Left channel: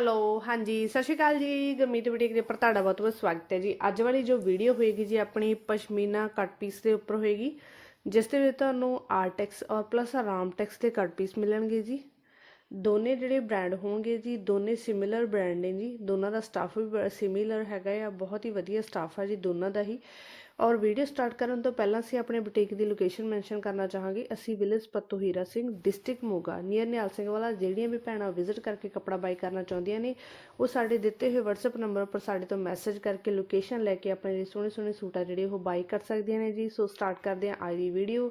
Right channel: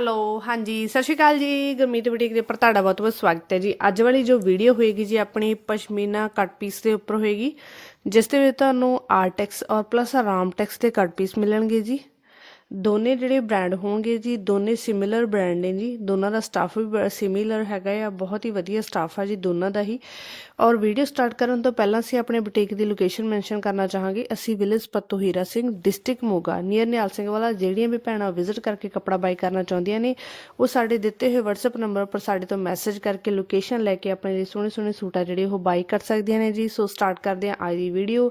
Hello, ਹਾਂਜੀ, ਸਤਿ ਸ਼੍ਰੀ ਅਕਾਲ ਜੀ, ਗੁਰਮੀਤ ਬੁਟੀਕ ਦੇ ਉੱਪਰ ਤੁਹਾਡਾ ਬਹੁਤ ਬਹੁਤ ਸਵਾਗਤ ਹੈ ਜੀ। ਅੱਜ ਵਾਲੀ ਜੋ ਵੀਡੀਓ ਹੋਏਗੀ ਜੀ, ਆਪਣੀ ਪਸ਼ਮੀਨਾ ਕੱਟ ਪੀਸ ਦੇ ਉੱਪਰ ਹੋਏਗੀ, ਜਿਸ ਦੇ ਵਿੱਚ ਤੁਹਾਨੂੰ ਆਰਟੈਕਸ ਔਰ ਪਲੱਸ ਆਰਾਮ ਟੈਕਸ ਦੇ ਕੱਟ ਪੀਸ ਮਿਲਣਗੇ ਜੀ। ਦੋਨੇ ਜਿਹੜੇ ਬ੍ਰਾਂਡ ਹੋਣਗੇ ਜੀ, ਦੋਨੇ ਸਿਮਿਲਰ ਬ੍ਰਾਂਡ ਨੇ ਜੀ। ਦੋਨਾਂ ਦਾ ਸਟਾਫ ਵੀ ਸਿਮਿਲਰ ਹੈਗਾ ਆ, ਬਹੁਤ ਹੀ ਵਧੀਆ ਸਟਾਫ ਆ ਜੀ ਦੋਨਾਂ ਦਾ ਹੀ। ਔਰ ਵੀਡੀਓ ਸਟਾਰਟ ਕਰਨ ਤੋਂ ਪਹਿਲਾਂ ਅਸੀਂ ਆਪਣੇ ਬੁਟੀਕ ਦੀ ਲੋਕੇਸ਼ਨ ਮੈਂਸ਼ਨ ਕਰਨਾ ਚਾਹਾਂਗੇ। ਅਸੀਂ village Patto Hira Singh district Moga near Nihal Singh Wala, ਜਿਹੜੀਆਂ ਵੀ ਭੈਣਾਂ ਵਿਜ਼ਿਟ ਕਰਕੇ ਕੱਪੜਾ ਬਾਈ ਕਰਨਾ ਚਾਹੁੰਦੀਆਂ ਨੇ, ਉਹ ਸਾਡੇ ਦਿੱਤੇ ਹੋਏ WhatsApp ਨੰਬਰ ਪਰ ਸਾਡੇ ਤੋਂ ਮੈਸੇਜ ਕਰਕੇ ਲੋਕੇਸ਼ਨ ਲੈ ਕੇ ਆਪਣੇ ਸੋਹਣੇ ਸੋਹਣੇ ਸੂਟ ਆ ਜਿਹੜੇ ਉਹ ਬਾਈ ਕਰ ਸਕਦੀਆਂ ਨੇ ਜੀ। ਸੋ ਸਟਾਰਟ ਕਰਦੇ ਹਾਂ ਅੱਜ ਦੀ ਵੀਡੀਓ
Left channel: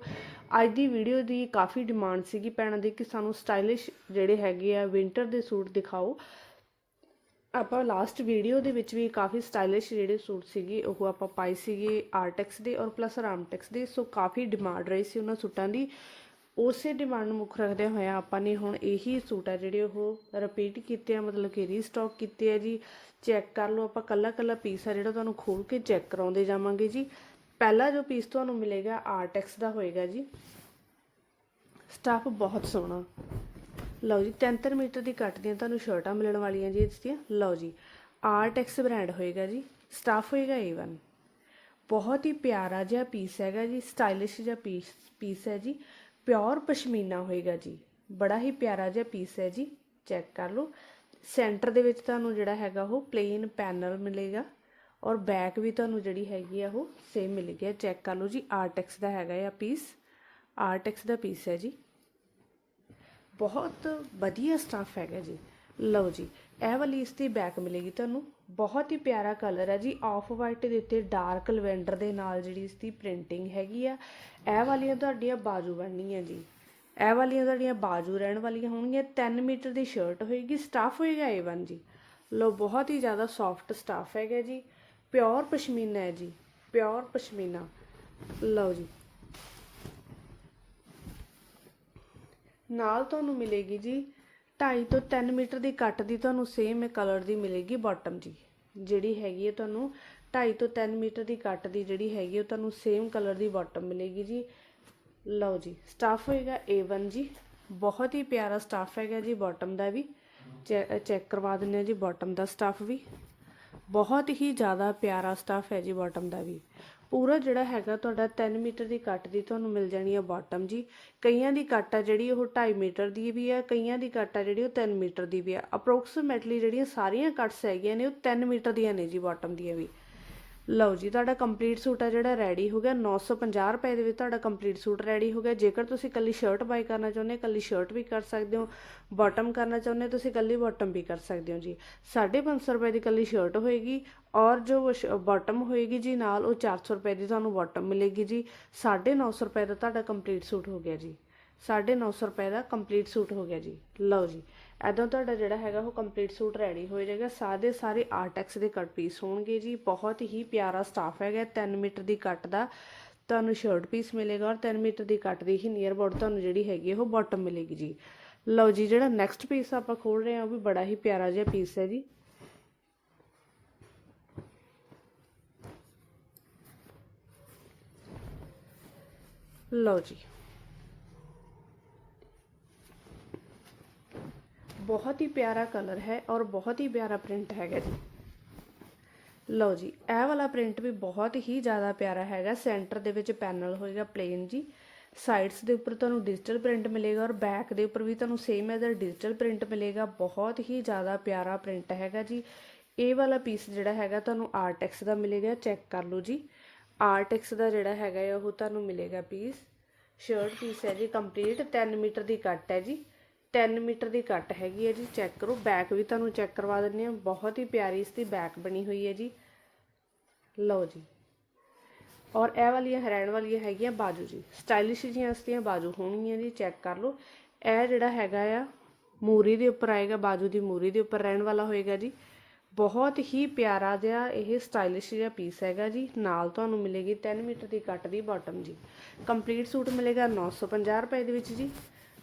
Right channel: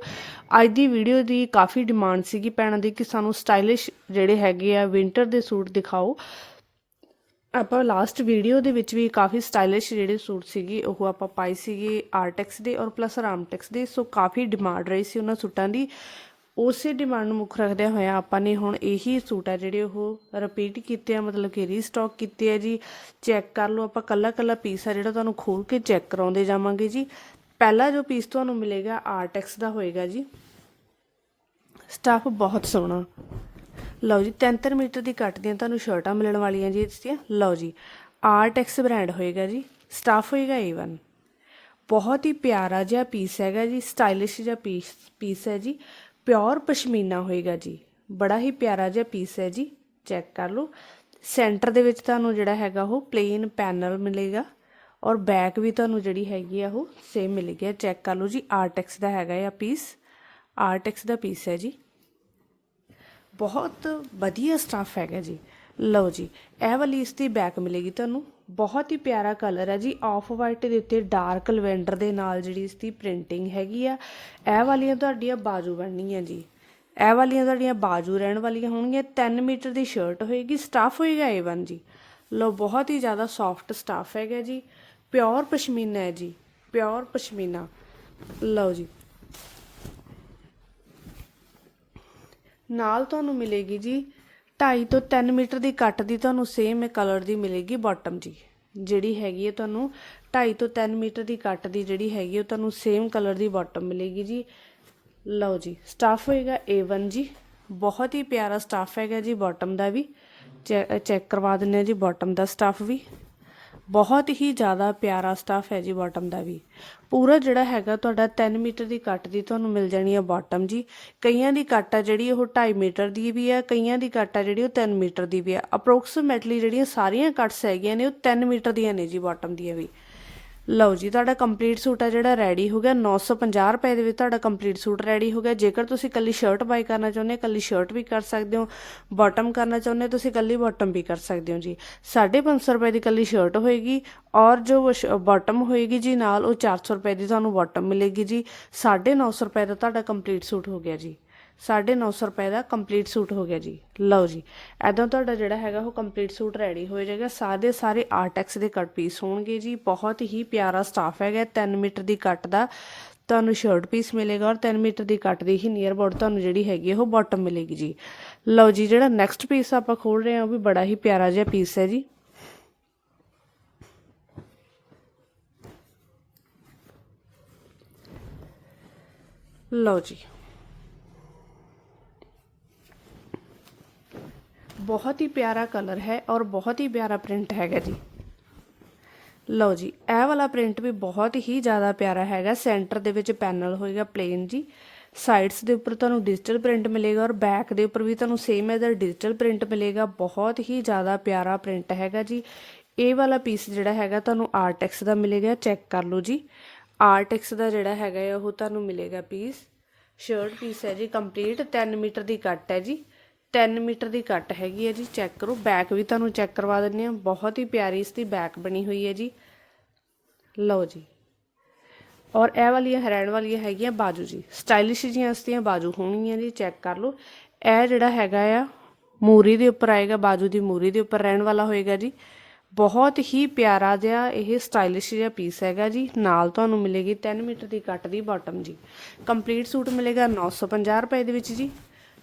ਅੱਜ ਦੀ ਵੀਡੀਓ ਦੀ ਕਾਫੀ ਡਿਮਾਂਡ ਸੀਗੀ ਭੈਣਾਂ ਦੀ ਕਿ ਸਾਨੂੰ ਸਟਾਈਲਿਸ਼ ਜਿਹੜੇ ਹੈਗੇ ਆ ਵਿੰਟਰ ਦੇ ਸੂਟ ਦਿਖਾਓ। ਆਪਾਂ ਲਾਸਟ ਵੀਡੀਓ ਦੇ ਵਿੱਚ ਵੀ ਕਾਫੀ ਸਟਾਈਲਿਸ਼ ਜਿਹੜੇ ਸੂਟ ਸੀਗੇ, ਉਹ ਆਪਾਂ ਪਾਈ ਸੀਗੇ ਆਰਟੈਕਸ ਦੇ ਔਰ ਪਲੱਸ ਰਾਮਟੈਕਸ ਦੇ। ਸੋ ਕਾਫੀ ਡਿਮਾਂਡ ਰਹੀ ਸੀ ਉਹਨਾਂ ਸੂਟਾਂ ਦੀ। ਉਸੇ ਡਿਮਾਂਡ ਨੂੰ ਮੁੱਖ ਰੱਖਦਿਆਂ ਹੋਇਆ ਆਪਾਂ ਨੇ ਹੁਣ ਇਹੀ ਸੂਟ ਆ ਜਿਹੜੇ ਉਹ ਰਿਪੀਟ ਕੀਤੇ ਆ, ਮਤਲਬ ਕਿ ਰੀਸਟਾਕ ਕੀਤੇ ਆ ਜੀ। ਚੈੱਕ ਕਰ ਲਓ ਆਪਾਂ, ਕੱਲਾ ਕੱਲਾ ਪੀਸ ਆ ਜਿਹੜਾ ਤੁਹਾਨੂੰ ਖੋਲ ਕੇ ਚੈੱਕ ਕਰਾਉਂਦੇ ਜਾਵਾਂਗੇ ਜੀ। ਪਹਿਲਾ ਜੋ ਪੀਸ ਤੁਹਾਨੂੰ ਮਿਲੇਗਾ ਆਰਟੈਕਸ ਦਾ ਹੋਏਗਾ ਜੀ। ਸਟਾਫ ਬਹੁਤ ਸੋਹਣਾ। ਲਓ ਜੀ 73 ਮੀਟਰ ਦੀ ਕੱਟ ਦੀਆਂ ਤੁਹਾਨੂੰ ਸ਼ਰਟਾਂ ਮਿਲਣ ਵਾਲੀਆਂ ਜੀ ਇਸ ਦੀਆਂ ਲਓ ਜੀ ਆਰਟੈਕਸ ਬ੍ਰਾਂਡ ਹੋਏਗਾ ਜੀ ਸਟਾਫ ਹੋਏਗਾ A1 ਬਹੁਤ ਹੀ ਪਿਆਰਾ ਜਿਹਾ ਪੀਸ ਹੈਗਾ ਜੀ ਸਟਾਈਲਿਸ਼ ਜਿਹਾ ਪੀਸ ਪੀਸ ਹੈ ਜੀ। ਪਿਓਰ ਪਸ਼ਮੀਨਾ ਹੋਏਗਾ ਜੀ, ਬੜਾ ਹੀ ਪਿਆਰਾ ਜਿਹਾ ਪੀਸ ਹੈ ਜੀ ਚੈੱਕ ਕਰ ਲਓ। ਸੈਂਟਰ ਦੇ ਵਿੱਚ ਤੁਹਾਨੂੰ ਜਿਹੜਾ ਹੈਗਾ ਉਹ ਪਲੇਨ ਪੈਨਲ ਮਿਲੇਗਾ ਔਰ ਬੈਕ ਵੀ ਤੁਹਾਨੂੰ ਜਿਹੜੀ ਹੈਗੀ ਆ ਉਹ ਸੇਮ ਮਿਲੇਗੀ। ਚੈੱਕ ਕਰ ਲਓ ਜੀ ਆਰਟੈਕਸ ਦਾ ਹੈਗਾ ਆ ਪੀਸ ਆਰਟੈਕਸ ਦਾ ਪੀਸ ਹੈ ਜੀ। ਬਹੁਤ ਵਧੀਆ ਸਟੱਫ ਹੈਗਾ ਜੀ। ਲਓ ਜੀ, ਇਹ ਵਾਲੀ ਇਸ ਦੀ ਬੈਕ ਮਿਲੇਗੀ ਤੁਹਾਨੂੰ। ਬਹੁਤ ਹੀ ਪਿਆਰਾ ਕਲਰ ਹੈ ਜੀ। ਆਫ ਵਾਈਟ ਦੇ ਉੱਤੇ ਡਾਰਕ ਲਵੈਂਡਰ ਦੇ ਨਾਲ ਜਿਹੜੀ ਇਸ ਦੀ ਪ੍ਰਿੰਟਿੰਗ ਹੈਗੀ ਆ। ਇਹ ਵਾਲੀਆਂ ਤੁਹਾਡੀਆਂ ਬਾਜੂ ਬਣਨੀਆਂ ਜੀ। ਇਹ ਵਾਲੀਆਂ ਤੁਹਾਡੀਆਂ ਬਾਜੂ ਰਹਿਣ ਵਾਲੀਆਂ ਹੋਣਗੀਆਂ। 3 ਮੀਟਰ ਦੀ ਸ਼ਰਟ ਹੋਏਗੀ। ਸਟਾਫ ਹੋਏਗਾ A1 ਜੀ। ਲਓ, ਬਹੁਤ ਹੀ ਜ਼ਿਆਦਾ ਸੌਫਟ ਸਟਾਫ ਹੈਗਾ ਜੀ। ਪਿਓਰ ਪਸ਼ਮੀਨਾ ਹੈ ਜੀ। ਪਿਓਰ ਪਸ਼ਮੀਨਾ। ਲਓ ਜੀ। ਨਾਲ ਤੁਹਾਨੂੰ ਮਿਲੇਗੀ ਜੀ 2.5 ਤੋਂ 3 ਮੀਟਰ ਦੀ ਕੱਟ ਦੀ ਤੁਹਾਨੂੰ ਸੇਮ ਕਲਰ ਦੀ ਮਿਲੇਗੀ ਬਾਟਮ ਜੀ। ਜਿਹੜੀ ਹੈਗੀ ਹੈ ਤੁਹਾਨੂੰ 2.5 ਤੋਂ 3 ਮੀਟਰ ਦੀ ਕੱਟ ਦੀ ਜਿਹੜੀ ਹੈਗੀ ਉਹ ਤੁਹਾਨੂੰ ਸੇਮ ਕਲਰ ਦੀ ਬਾਟਮ ਮਿਲੇਗੀ ਜੀ। ਲਓ ਜੀ ਸਟਾਫ ਹੋਏਗਾ A1 ਜੀ। ਬਹੁਤ ਹੀ ਪਿਆਰਾ ਸਟਾਫ ਹੈਗਾ ਜੀ ਬਾਟਮ ਦਾ ਵੀ। ਚੈੱਕ ਕਰਵਾ ਦਿੰਨੇ ਆ ਜੀ ਬਾਟਮ ਦਾ ਸਟਾਫ ਵੀ। ਬਹੁਤ ਹੀ ਜ਼ਿਆਦਾ ਪਿਆਰਾ ਸਟਾਫ ਹੈ ਜੀ ਬਾਟਮ ਦਾ ਵੀ। ਪੂਰਾ ਜਿਹੜਾ ਹੈਗਾ ਤੁਹਾਡਾ 3 ਮੀਟਰ ਦੀ ਕੱਟ ਦੀ ਤੁਹਾਨੂੰ ਮਿਲ ਜਾਣੀ ਆ ਬਾਟਮ ਜੀ। ਕਈਆਂ ਦੀ ਕੱਟ ਆ ਜਿਹੜੀ ਉਹ 2.5 ਮੀਟਰ ਦੀ ਵੀ ਆ, ਕਈਆਂ ਦੀ ਕੱਟ ਆ ਜਿਹੜੀ ਉਹ 3 ਮੀਟਰ ਦੀ ਵੀ ਆ। ਅਪਰੋਕਸੀਮੇਟਲੀ ਜਿਹੜੀਆਂ ਸਾਰੀਆਂ ਕੱਟਸ ਹੈਗੀਆਂ ਨੇ ਉਹ 3 ਮੀਟਰ ਦੀਆਂ ਨੇ ਜੀ ਬਾਟਮ ਦੀਆਂ ਵੀ। ਲਓ ਜੀ, ਤੁਹਾਡਾ ਕੰਪਲੀਟ ਸੂਟ ਆ ਜਿਹੜਾ ਰੈਡੀ ਹੋ ਗਿਆ। 950 ਰੁਪਏ ਦੇ ਵਿੱਚ ਤੁਹਾਡਾ ਕੰਪਲੀਟ ਸੂਟ ਰੈਡੀ ਹੋ ਗਿਆ। ਜੇਕਰ ਤੁਸੀਂ ਕੱਲੀ ਸ਼ਰਟ ਬਾਈ ਕਰਨਾ ਚਾਹੁੰਦੇ ਹੋ, ਕੱਲੀ ਸ਼ਰਟ ਵੀ ਕਰ ਸਕਦੇ ਹੋ। ਬਾਟਮ ਕਰਨਾ ਚਾਹੁੰਦੇ ਹੋ, ਤੁਸੀਂ ਕੱਲੀ ਬਾਟਮ ਵੀ ਕਰ ਸਕਦੇ ਹੋ ਜੀ। 550 ਰੁਪਏ ਦੀ ਕੱਲੀ ਸ਼ਰਟ ਹੋਏਗੀ ਔਰ ਜੋ ਬਾਟਮ ਹੋਏਗੀ ਜੀ ਨਾਲ ਉਹ 400 ਰੁਪਏ ਦੀ ਤੁਹਾਨੂੰ ਬਾਟਮ ਮਿਲੇਗੀ ਜੀ। 950 ਰੁਪਏ ਦਾ ਤੁਹਾਡਾ ਕੰਪਲੀਟ ਸੂਟ ਹੋ ਗਿਆ ਜੀ। 950 ਰੁਪਏ ਦਾ ਕੰਪਲੀਟ ਸੂਟ ਹੋ ਗਿਆ ਜੀ। ਲਓ ਜੀ ਐਦਾਂ ਤੁਹਾਡਾ ਜਿਹੜਾ ਹੈਗਾ ਉਹ ਕੰਪਲੀਟ ਸੂਟ ਰੈਡੀ ਹੋ ਜਾਏਗਾ। ਸਾਰੇ ਸਾਰੇ ਆਰਟੈਕਸ ਦੇ ਕੱਟ ਪੀਸ ਹੋਣਗੇ ਜੀ। ਬਹੁਤ ਹੀ ਪਿਆਰਾ ਸਟਾਫ ਹੈਗਾ 3 ਮੀਟਰ ਦੀ ਕੱਟ ਦਾ ਤੁਹਾਨੂੰ ਸ਼ਰਟ ਪੀਸ ਮਿਲੇਗਾ ਔਰ 3 ਮੀਟਰ ਦੀ ਕੱਟ ਦੀ ਹੀ ਨੀਅਰ ਬੋਰਡ ਤੁਹਾਨੂੰ ਜਿਹੜੀ ਹੈਗੀ ਉਹ ਬਾਟਮ ਮਿਲੇਗੀ ਜੀ। ਲਓ ਜੀ, ਜਿਹੜਾ ਨੈਕਸਟ ਪੀਸ ਆਪਾਂ ਖੋਲ ਰਹੇ ਹਾਂ, ਉਹ ਵੀ ਬੜਾ ਹੀ ਪਿਆਰਾ ਜਿਹਾ ਪੀਸ ਹੈ ਜੀ। ਲਓ ਜੀ ਬਹੁਤ ਹੀ ਪਿਆਰਾ ਕਲਰ ਹੈ ਔਰ ਬਹੁਤ ਹੀ ਪਿਆਰਾ ਪ੍ਰਿੰਟ ਹੈਗਾ ਜੀ। ਲਓ ਜੀ, ਇਹ ਵਾਲਾ ਪ੍ਰਿੰਟ ਵੀ ਬਹੁਤ ਹੀ ਜ਼ਿਆਦਾ ਪਿਆਰਾ ਹੈਗਾ। ਸੈਂਟਰ ਦੇ ਵਿੱਚ ਪੈਨਲ ਹੋਏਗਾ ਪਲੇਨ ਜੀ। ਸਾਈਡਸ ਦੇ ਉੱਪਰ ਤੁਹਾਨੂੰ ਡਿਜੀਟਲ ਪ੍ਰਿੰਟ ਮਿਲੇਗਾ ਔਰ ਬੈਕ ਦੇ ਉੱਪਰ ਵੀ ਤੁਹਾਨੂੰ ਸੇਮ ਐਜ਼ ਡਿਜੀਟਲ ਪ੍ਰਿੰਟ ਮਿਲੇਗਾ। ਬਹੁਤ ਹੀ ਜ਼ਿਆਦਾ ਪਿਆਰਾ ਪ੍ਰਿੰਟ ਹੈਗਾ ਜੀ। ਇਹ ਵਾਲਾ ਪੀਸ ਜਿਹੜਾ ਹੈਗਾ ਤੁਹਾਨੂੰ ਆਰਟੈਕਸ ਦਾ ਮਿਲੇਗਾ ਚੈੱਕ ਕਰ ਲਓ ਜੀ। ਆਰਟੈਕਸ ਦਾ ਜਿਹੜਾ ਹੈਗਾ ਉਹ ਤੁਹਾਨੂੰ ਮਿਲੇਗਾ ਪੀਸ ਸ਼ਰਟ ਪੀਸ ਹੈ ਜੀ ਕੰਪਲੀਟ 3 ਮੀਟਰ ਦੀ ਕੱਟ ਹੈ ਜੀ। 3 ਮੀਟਰ ਦੀ ਕੱਟ ਹੈਗੀ ਹੈ ਜੀ ਚੈੱਕ ਕਰੋ। ਬੈਕ ਵੀ ਤੁਹਾਨੂੰ ਚੈੱਕ ਕਰਵਾ ਦਿੰਨੇ ਆ ਬਹੁਤ ਹੀ ਪਿਆਰੀ ਇਸ ਦੀ ਬੈਕ ਬਣੀ ਹੋਈ ਹੈ ਜੀ। ਲਓ ਜੀ। ਔਰ ਇਹ ਵਾਲੀਆਂ ਹਰੈਣ ਵਾਲੀਆਂ ਹੈਗੀਆਂ ਬਾਜੂ ਜੀ। ਸਟਾਈਲਿਸ਼ ਜੀਆਂ ਇਸ ਦੀਆਂ ਬਾਜੂ ਹੋਣਗੀਆਂ ਜੀ ਚੈੱਕ ਕਰ ਲਓ। ਇਹ ਜਿਹੜਾ ਹੈਗਾ ਆ, ਮੂਰੀ ਦੇ ਉੱਪਰ ਆਏਗਾ, ਬਾਜੂ ਦੀ ਮੂਰੀ ਦੇ ਉੱਪਰ ਰਹਿਣ ਵਾਲਾ ਹੋਏਗਾ ਜੀ। ਬਹੁਤ ਹੀ ਪਿਆਰਾ ਜਿਹਾ ਇਹ ਸਟਾਈਲਿਸ਼ ਜਿਹਾ ਪੀਸ ਹੈਗਾ ਜੀ। ਨਾਲ ਤੁਹਾਨੂੰ ਮਿਲੇਗੀ 3 ਮੀਟਰ ਦੀ ਕੱਟ ਦੀ ਬਾਟਮ ਜੀ। ਕੰਪਲੀਟ ਸੂਟ ਮਿਲੇਗਾ 950 ਰੁਪਏ ਦੇ ਵਿੱਚ ਜੀ।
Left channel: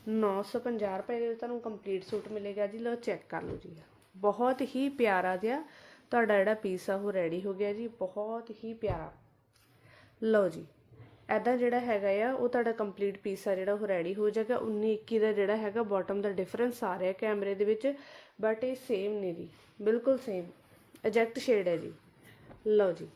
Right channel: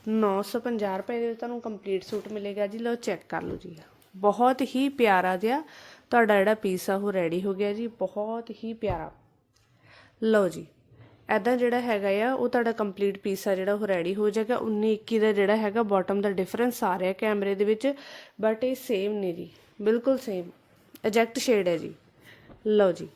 950 ਰੁਪਏ ਦੇ ਤੁਹਾਨੂੰ ਕੰਪਲੀਟ ਸੂਟ ਮਿਲੇਗਾ ਜੀ। ਲਓ ਚੈੱਕ ਕਰ ਲਓ ਜੀ। ਬਹੁਤ ਹੀ ਪਿਆਰਾ ਜਿਹਾ ਤੁਹਾਡਾ ਜਿਹੜਾ ਪੀਸ ਆ, ਉਹ ਰੈਡੀ ਹੋ ਗਿਆ ਜੀ। ਬਹੁਤ ਹੀ ਪਿਆਰਾ। ਲਓ ਜੀ ਐਦਾਂ ਜਿਹੜਾ ਹੈਗਾ ਆ, ਉਹ ਤੁਹਾਡਾ ਕੰਪਲੀਟ ਪੀਸ ਆ ਜਿਹੜਾ ਉਹ ਰੈਡੀ ਹੋ ਜਾਏਗਾ। 19 21 ਦਾ ਜਿਹੜਾ ਹੈਗਾ ਬਾਟਮ ਦਾ ਡਿਫਰੈਂਸ ਆ ਰਿਹਾ ਕੈਮਰੇ ਦੇ ਵਿੱਚ। ਬਟ ਇਹ ਸੇਮ ਨਹੀਂ ਜੀ। ਬਿਲਕੁਲ ਸੇਮ ਐਜੈਕਟ ਸ਼ੇਡ ਹੈ ਜੀ। ਲਓ ਜੀ।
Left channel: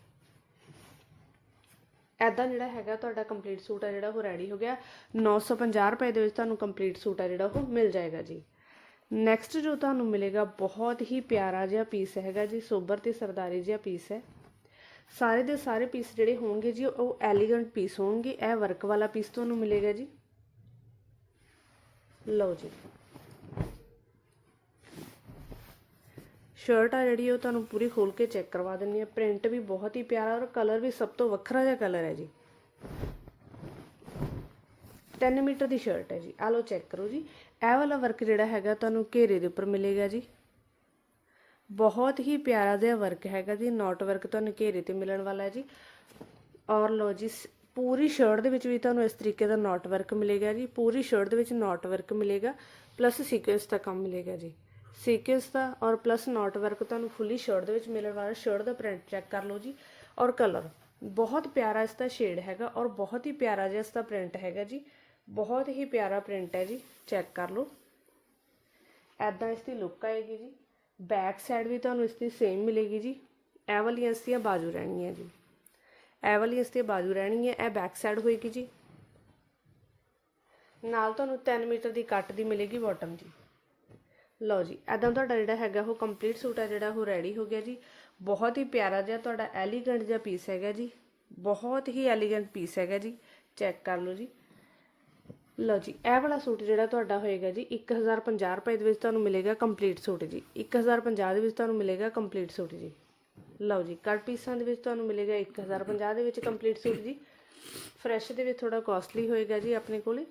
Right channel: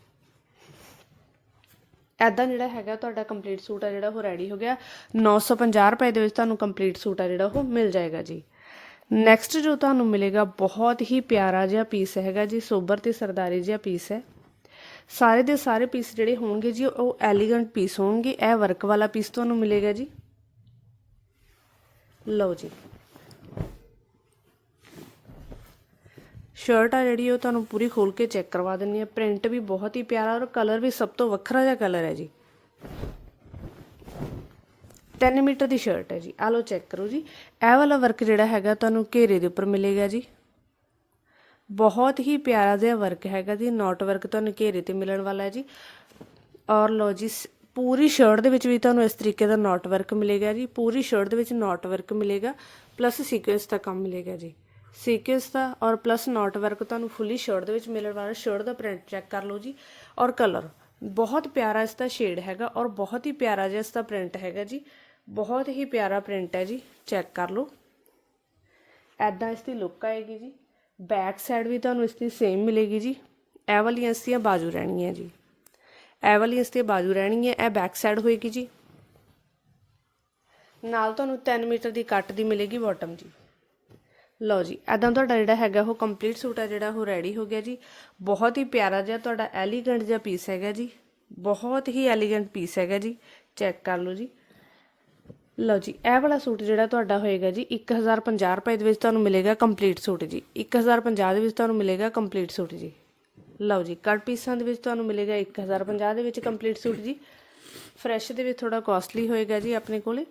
ਐਦਾਂ ਜਿਹੜਾ ਹੈਗਾ ਤੁਹਾਡਾ ਕੰਪਲੀਟ ਸੂਟ ਆ, ਜਿਹੜਾ ਉਹ ਰੈਡੀ ਹੋ ਗਿਆ। 950 ਰੁਪਏ ਦੇ ਵਿੱਚ ਤੁਹਾਨੂੰ ਕੰਪਲੀਟ ਸੂਟ ਆ, ਜਿਹੜਾ ਉਹ ਮਿਲ ਜਾਏਗਾ ਜੀ। ਨੈਕਸਟ ਜੋ ਤੁਹਾਨੂੰ ਮਿਲੇਗਾ, ਬਹੁਤ ਹੀ ਪਿਆਰਾ ਜਿਹਾ ਪੀਸ ਹੈਗਾ ਜੀ ਸੋਬਰ ਤੇ ਸਰਦਾਰੀ ਜਿਹਾ ਪੀਸ ਹੈ। ਸਾਰੇ ਦੇ ਸਾਰੇ ਪੀਸ ਜਿਹੜੇ ਹੋਣਗੇ ਜੀ, ਉਹ ਐਲੀਗੈਂਟ ਪੀਸ ਹੋਣਗੇ। ਇਹ ਵਰਕ ਵਾਲਾ ਪੀਸ ਤੁਹਾਨੂੰ ਮਿਲੇਗਾ ਜੀ। ਲਓ ਜੀ। ਸ਼ਰਟ ਆ ਜਿਹੜੀ, ਉਹ ਤੁਹਾਨੂੰ ਪੂਰੀ ਖੋਲ ਕੇ ਚੈੱਕ ਕਰਵਾ ਦਿੰਨੀ ਆ ਪ੍ਰਿੰਟ ਵੀ ਬਹੁਤ ਹੀ ਪਿਆਰਾ ਔਰ ਕਲਰ ਵੀ ਸਭ ਤੋਂ ਵੱਖਰਾ ਜਿਹਾ ਕਲਰ ਹੈ ਜੀ। 3 ਮੀਟਰ ਦੀ ਸ਼ਰਟ ਹੈ ਜੀ। ਆ ਲਓ ਚੈੱਕ ਕਰੋ ਜੀ। ਇਹ ਵਾਲਾ ਵਰਕ ਜਿਹੜਾ ਹੈਗਾ ਤੁਹਾਨੂੰ ਘੇਰੇ ਦੇ ਉੱਪਰ ਮਿਲੇਗਾ ਜੀ। ਬਹੁਤ ਹੀ ਪਿਆਰਾ ਜਿਹਾ ਵਰਕ ਹੈਗਾ ਜੀ। ਨੋਟ ਵਰਕ ਤੁਹਾਨੂੰ ਘੇਰੇ ਤੇ ਮਿਲਣ ਵਾਲਾ ਹੈ ਜੀ। ਔਰ ਲੋ ਜੀ, ਸ- ਪੂਰੀ ਸ਼ਰਟ ਦੇ ਵਿੱਚ ਵੀ ਤੁਹਾਨੂੰ ਇਸ ਤਰੀਕੇ ਦਾ ਨੋਟ ਵਰਕ ਮਿਲੇਗਾ ਜੀ। ਪੂਰੀ ਸ਼ਰਟ ਦੇ ਵਿੱਚ ਨੋਟ ਵਰਕ ਮਿਲੇਗਾ। ਪਲੱਸ ਸੀਕੁਐਂਸ ਦਾ ਕੰਮ ਮਿਲੇਗਾ ਜੀ। ਸੀਕੁਐਂਸ ਦਾ ਔਰ ਪਲੱਸ ਨੋਟ ਵਰਕ ਤੁਹਾਨੂੰ ਫੁੱਲੀ ਸ਼ਰਟ ਦੇ ਵਿੱਚ ਮਿਲਣ ਵਾਲਾ ਸ਼ਰਟ ਦਾ ਪ੍ਰਿੰਟ ਚੈੱਕ ਕਰ ਲਓ ਜੀ ਔਰ ਕਲਰ ਬਹੁਤ ਪਿਆਰਾ ਇਸ ਦਾ ਸ਼ੇਡ ਹੈਗਾ ਔਰ ਬਹੁਤ ਹੀ ਪਿਆਰਾ ਜਿਹਾ ਇਸ ਦਾ ਪ੍ਰਿੰਟ ਹੈਗਾ ਜੀ, ਬਹੁਤ ਹੀ ਪਿਆਰਾ ਪ੍ਰਿੰਟ ਹੈ ਜੀ ਚੈੱਕ ਕਰ ਲਓ। ਐਦਾਂ ਇਸ ਦੀ ਲੁੱਕ ਆਏਗੀ ਜੀ ਬੈਕ ਸਾਈਡ ਵੀ ਤੁਹਾਨੂੰ ਇਸ ਦੀ ਸੇਮ ਮਿਲੇਗੀ ਜੀ, ਇਹ ਵਾਲੀਆਂ ਇਸ ਦੀਆਂ ਬਾਜੂ ਰਹਿਣਗੀਆਂ ਜੀ। ਇਹ ਵਾਲੀਆਂ ਇਸ ਦੀ ਬਾਜੂ ਰਹਿਣਗੀਆਂ, ਇਹ ਬੈਕ ਸਾਈਡ ਹੋਏਗੀ ਜੀ। ਨਾਲ ਤੁਹਾਨੂੰ 3 ਮੀਟਰ ਦੀ ਕੱਟ ਦੀ ਮਿਲੇਗੀ ਬਾਟਮ ਜੀ। ਲਓ ਜੀ ਐਦਾਂ ਤੁਹਾਡਾ ਜਿਹੜਾ ਹੈਗਾ ਉਹ ਕੰਪਲੀਟ ਸੂਟ ਹੈ ਜਿਹੜਾ ਉਹ ਰੈਡੀ ਹੋ ਗਿਆ ਜੀ। ਬਹੁਤ ਹੀ ਪਿਆਰਾ ਜਿਹਾ ਤੁਹਾਡਾ ਐਲੀਗੈਂਟ ਜਿਹਾ ਪੀਸ ਹੈਗਾ ਜੀ। ਬਹੁਤ ਹੀ ਐਲੀਗੈਂਟ ਪੀਸ ਹੈਗਾ ਜੀ। ਚੈੱਕ ਕਰ ਲਓ ਜੀ। ਲਓ ਜੀ, ਇਹ ਵਾਲਾ ਸੂਟ ਜਿਹੜਾ ਤੁਹਾਡਾ ਹੋਏਗਾ ਜੀ 1050 ਰੁਪਏ ਦੇ ਵਿੱਚ ਤੁਹਾਨੂੰ ਮਿਲੇਗਾ ਕੰਪਲੀਟ ਸੂਟ ਜੀ। 1050 ਦੇ ਵਿੱਚ ਤੁਹਾਨੂੰ ਮਿਲੇਗਾ ਕੰਪਲੀਟ ਸੂਟ ਜੀ। ਲਓ ਜੀ ਕੱਟ ਪੀਸਾਂ ਦੇ ਵਿੱਚ ਤੁਹਾਨੂੰ ਮਿਲੇਗਾ 1050 ਦੇ ਵਿੱਚ ਕੰਪਲੀਟ ਸੂਟ ਜੀ। ਫਰੈਸ਼ ਦੇ ਵਿੱਚ ਥੋੜਾ ਕਾਸਟਲੀ ਹੋਏਗਾ ਜੀ ਆਪਣੇ ਕੋਲੇ।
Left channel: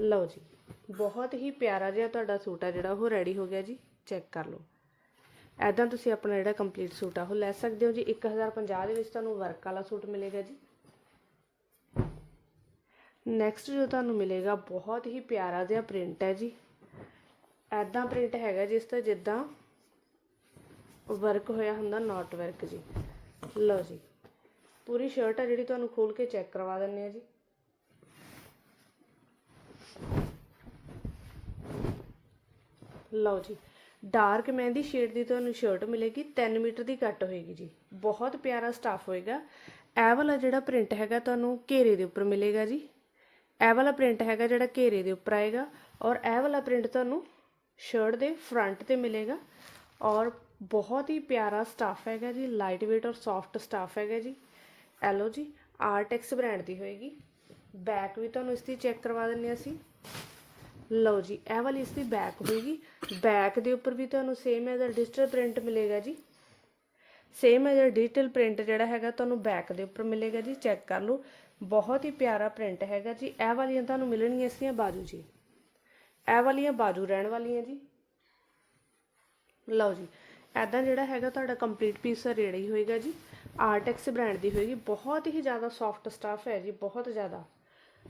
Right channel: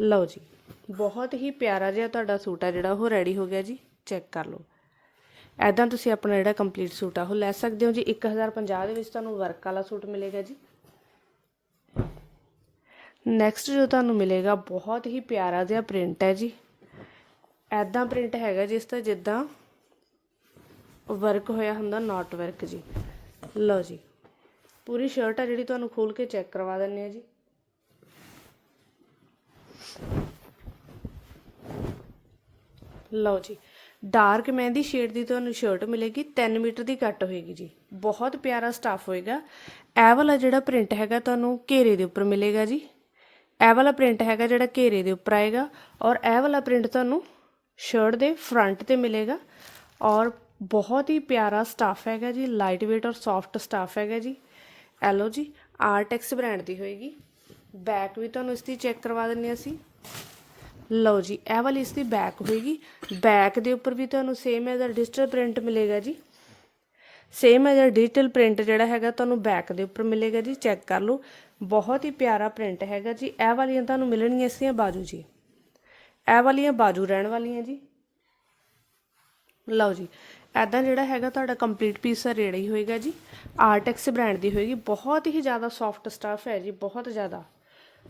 ਲਓ ਜੀ। ਬਹੁਤ ਹੀ ਪਿਆਰਾ ਜਿਹਾ ਤੁਹਾਡਾ ਸੂਟ ਆ ਜਿਹੜਾ, ਉਹ ਰੈਡੀ ਹੋ ਗਿਆ ਜੀ ਚੈੱਕ ਕਰ ਲਓ। ਐਦਾਂ ਤੁਸੀਂ ਆਪਣਾ ਜਿਹੜਾ ਕੰਪਲੀਟ ਸੂਟ ਆ, ਉਹ ਲੈ ਸਕਦੇ ਹੋ ਜੀ। 1050 ਦੇ ਵਿੱਚ ਤੁਹਾਨੂੰ ਵਰਕ ਵਾਲਾ ਸੂਟ ਮਿਲੇਗਾ ਜੀ। ਨੈਕਸਟ ਜੋ ਤੁਹਾਨੂੰ ਮਿਲੇਗਾ, ਬਹੁਤ ਹੀ ਪਿਆਰਾ ਜਿਹਾ ਪ੍ਰਿੰਟ ਹੈ ਜੀ। ਐਦਾਂ ਪ੍ਰਿੰਟ ਹੈਗਾ ਜਿਸ ਦਾ ਜਿੱਦਾਂ ਵਰਕ ਹੋਇਆ ਹੁੰਦਾ ਨਾਟ ਵਰਕ ਜੀ। ਲਓ ਜੀ। ਪੂਰੀ ਸ਼ਰਟ ਆ ਜਿਹੜੀ ਤੁਹਾਨੂੰ ਖੋਲ ਕੇ ਚੈੱਕ ਕਰਵਾ ਦਿੰਨੇ ਆ ਜੀ। ਲਓ ਜੀ ਡਾਰਕ ਮਹਿੰਦੀ ਸ਼ੇਡ ਦੀ ਤੁਹਾਨੂੰ ਸ਼ਰਟ ਮਿਲੇਗੀ 3 ਮੀਟਰ ਦੀ ਕੱਟ ਹੋਏਗੀ ਜੀ। ਬਹੁਤ ਪਿਆਰਾ ਸਟਾਫ ਹੋਏਗਾ। ਇਹ ਵਾਲਾ ਜਿਹੜਾ ਪ੍ਰਿੰਟ ਹੈਗਾ ਤੁਹਾਨੂੰ ਘੇਰੇ ਦੇ ਉੱਪਰ ਮਿਲੇਗਾ ਜੀ। ਇਹ ਵਾਲਾ ਪ੍ਰਿੰਟ ਹੈਗਾ ਜਿਹੜਾ ਘੇਰੇ ਦੇ ਉੱਪਰ ਆਏਗਾ ਔਰ ਇਹ ਵਾਲਾ ਪ੍ਰਿੰਟ ਤੁਹਾਨੂੰ ਸ਼ਰਟ ਦੇ ਫਰੰਟ ਤੇ ਮਿਲੇਗਾ ਔਰ ਬਹੁਤ ਹੀ ਪਿਆਰਾ ਸਟਾਫ ਹੈਗਾ ਜੀ ਲਾਈਟ weight ਔਰ ਸੌਫਟ ਸਟਾਫ ਹੈਗਾ ਜੀ। ਐਲੋ ਜੀ ਆਰਟੈਕਸ ਬ੍ਰਾਂਡ ਦੀ ਹੋਏਗੀ। ਬੈਕ ਵੀ ਤੁਹਾਨੂੰ ਇਸ ਦੀ ਚੈੱਕ ਕਰਵਾ ਦਿੰਨੇ ਅਸੀਂ। ਲਓ ਜੀ, ਇਹ ਵਾਲੀ ਇਸ ਦੀ ਬੈਕ ਹੋਏਗੀ। ਬੈਕ ਦੇ ਉੱਪਰ ਵੀ ਤੁਹਾਨੂੰ ਸੇਮ ਐਜ਼ ਡਿਜੀਟਲ ਪ੍ਰਿੰਟ ਮਿਲੇਗਾ ਜੀ। ਸੇਮ ਐਜ਼ ਡਿਜੀਟਲ ਪ੍ਰਿੰਟ ਜਿਹੜਾ ਹੈਗਾ ਤੁਹਾਨੂੰ ਬੈਕ ਦੇ ਉੱਪਰ ਮਿਲੇਗਾ ਜੀ ਚੈੱਕ ਕਰ ਲਓ। ਬਹੁਤ ਹੀ ਪਿਆਰਾ ਪ੍ਰਿੰਟ ਹੈਗਾ ਜੀ। ਇਹ ਵਾਲੀਆਂ ਤੁਹਾਨੂੰ ਮਿਲਣਗੀਆਂ ਇਸ ਦੀਆਂ ਬਾਜੂ ਜੀ। ਇਹ ਵਾਲੀਆਂ ਬਾਜੂ ਰਹਿਣ ਵਾਲੀਆਂ ਜੀ। ਲਓ ਜੀ ਐਦਾਂ ਜਿਹੜਾ ਹੈਗਾ ਤੁਹਾਡਾ ਕੰਪਲੀਟ ਪੀਸ ਰੇੜਾ ਹੀ ਹੋਏਗਾ ਜੀ। ਆਰਟੈਕਸ ਬ੍ਰਾਂਡ ਦੀ ਹੋਏਗੀ। ਬਹੁਤ ਹੀ ਜ਼ਿਆਦਾ ਸੌਫਟ ਸਟਾਫ ਹੈ ਜੀ, ਬਹੁਤ ਜ਼ਿਆਦਾ।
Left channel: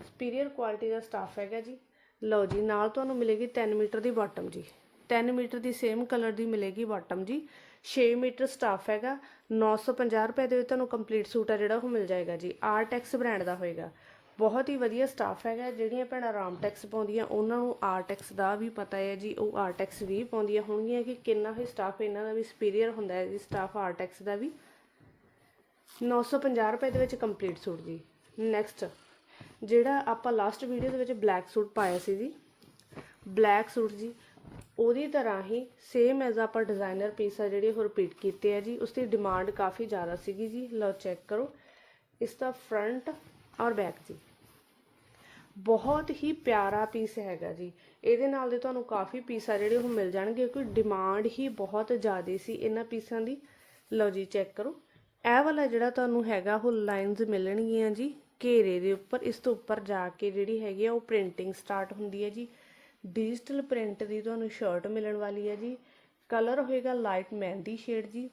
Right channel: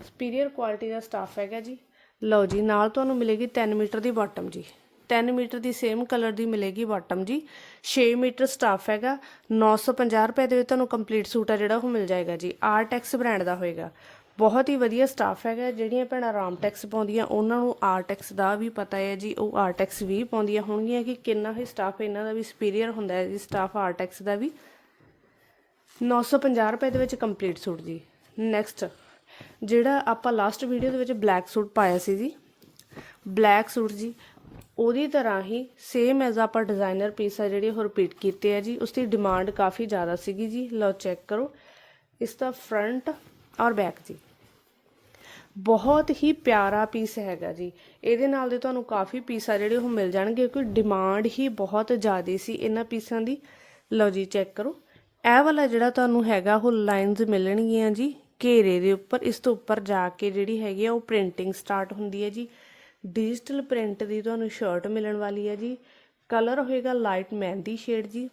ਸੁਪੀਰੀਅਰ ਕੁਆਲਿਟੀ ਦਾ ਸਟਾਫ ਹੈਗਾ ਜੀ। ਲਓ ਜੀ, ਨਾਲ ਤੁਹਾਨੂੰ ਮਿਲੇਗੀ 3 ਮੀਟਰ ਦੀ ਬਾਟਮ ਜੀ। 3 ਮੀਟਰ ਦੀ ਸੇਮ ਕਲਰ ਦੀ ਮਿਲੇਗੀ ਬਾਟਮ ਜੀ। 6 ਮੀਟਰ ਸਟਾਫ ਹੈਗਾ 950 ਰੁਪਏ ਦੇ ਵਿੱਚ ਤੁਹਾਨੂੰ ਕੰਪਲੀਟ ਸੂਟ ਆ ਜਿਹੜਾ ਉਹ ਮਿਲ ਜਾਏਗਾ ਜੀ। ਆਰਟੈਕਸ ਬ੍ਰਾਂਡ ਦਾ ਹੋਏਗਾ। ਬਹੁਤ ਹੀ ਵਧੀਆ ਸਟਾਫ ਹੈਗਾ, ਜਿਹੜੀਆਂ ਭੈਣਾਂ ਰਾਮਟੈਕਸ ਪਾਉਂਦੀਆਂ, ਉਹਨਾਂ ਨੂੰ ਆਰਟੈਕਸ ਦਾ ਵੀ ਪਤਾ ਹੈ ਜੀ, ਉਹ ਆਰਟੈਕਸ ਵੀ ਪਾਉਂਦੀਆਂ ਹੋਣਗੀਆਂ ਕਿ ਕਿੰਨਾ ਹੀ ਸਟਾਫ ਇਹਨਾਂ ਦਾ ਵੀ ਸੁਪੀਰੀਅਰ ਹੁੰਦਾ ਹੈ ਜੀ ਸਟਾਫ ਆਰਟੈਕਸ ਦਾ ਵੀ। 950 ਰੁਪਏ ਦੇ ਵਿੱਚ ਕੰਪਲੀਟ ਸੂਟ ਜੀ। ਨੈਕਸਟ ਜਿਹੜਾ ਆਪਾਂ ਲਾਸਟ ਵੀਡੀਓ ਦੇ ਵਿੱਚ ਬਲੈਕ ਸੂਟ ਪਾਇਆ ਸੀ ਜੀ। ਬਲੈਕ ਸੂਟ ਜੀ, ਉਹਦੀ ਤਰ੍ਹਾਂ ਹੀ ਸੇਮ ਐਜ਼ ਆਪਾਂ ਡਿਜ਼ਾਈਨਰ ਪੀਸ ਆ ਜਿਹੜੇ ਉਹ ਰਿਪੀਟ ਕੀਤੇ ਆ ਜੀ। ਉਸ ਦੀ ਡਿਮਾਂਡ ਕਾਫੀ ਜ਼ਿਆਦਾ ਸੀਗੀ ਜੀ। ਲਓ ਚੈੱਕ ਕਰੋ। ਇਸ ਦਾ ਫਰੰਟ ਔਰ ਬੈਕ ਜੀ। ਬਹੁਤ ਹੀ ਪਿਆਰਾ ਪੀਸ ਹੈਗਾ ਜੀ। ਇਹਦੇ ਨਾਲ ਦੇ ਤੁਹਾਨੂੰ ਕਾਫੀ ਪੀਸ ਆ ਜਿਹੜੇ ਉਹ ਮਿਲ ਜਾਣਗੇ ਕਿਉਂਕਿ ਡਿਮਾਂਡ ਹੀ ਬਹੁਤ ਜ਼ਿਆਦਾ ਸੀ ਇਹਨਾਂ ਪੀਸਾਂ ਦੀ। ਲਓ ਜੀ ਚੈੱਕ ਕਰੋ। ਇਹ ਵਾਲਾ ਜਿਹੜਾ ਤੁਹਾਨੂੰ ਹੈਗਾ ਉਹ ਲਾਈਨਸ ਮਿਲਣਗੀਆਂ ਜੀ। ਘੇਰੇ ਦੇ ਉੱਪਰ, ਇਸ ਤੋਂ ਉੱਪਰ ਜਾ ਕੇ ਜਿਹੜੀ ਹੈਗੀ ਆ ਉਹ ਪ੍ਰਿੰਟਿੰਗ ਸਟਾਰਟ ਹੁੰਦੀ ਹੈ ਜੀ। ਡਿਜੀਟਲ ਪ੍ਰਿੰਟ ਦੀ ਤੁਹਾਨੂੰ ਸ਼ਰਟ ਮਿਲਣ ਵਾਲੀ ਹੈ ਜੀ। ਕਲਰ ਹੋਏਗਾ ਲਾਈਟ ਮਹਿੰਦੀ ਸ਼ੇਡ ਜੀ।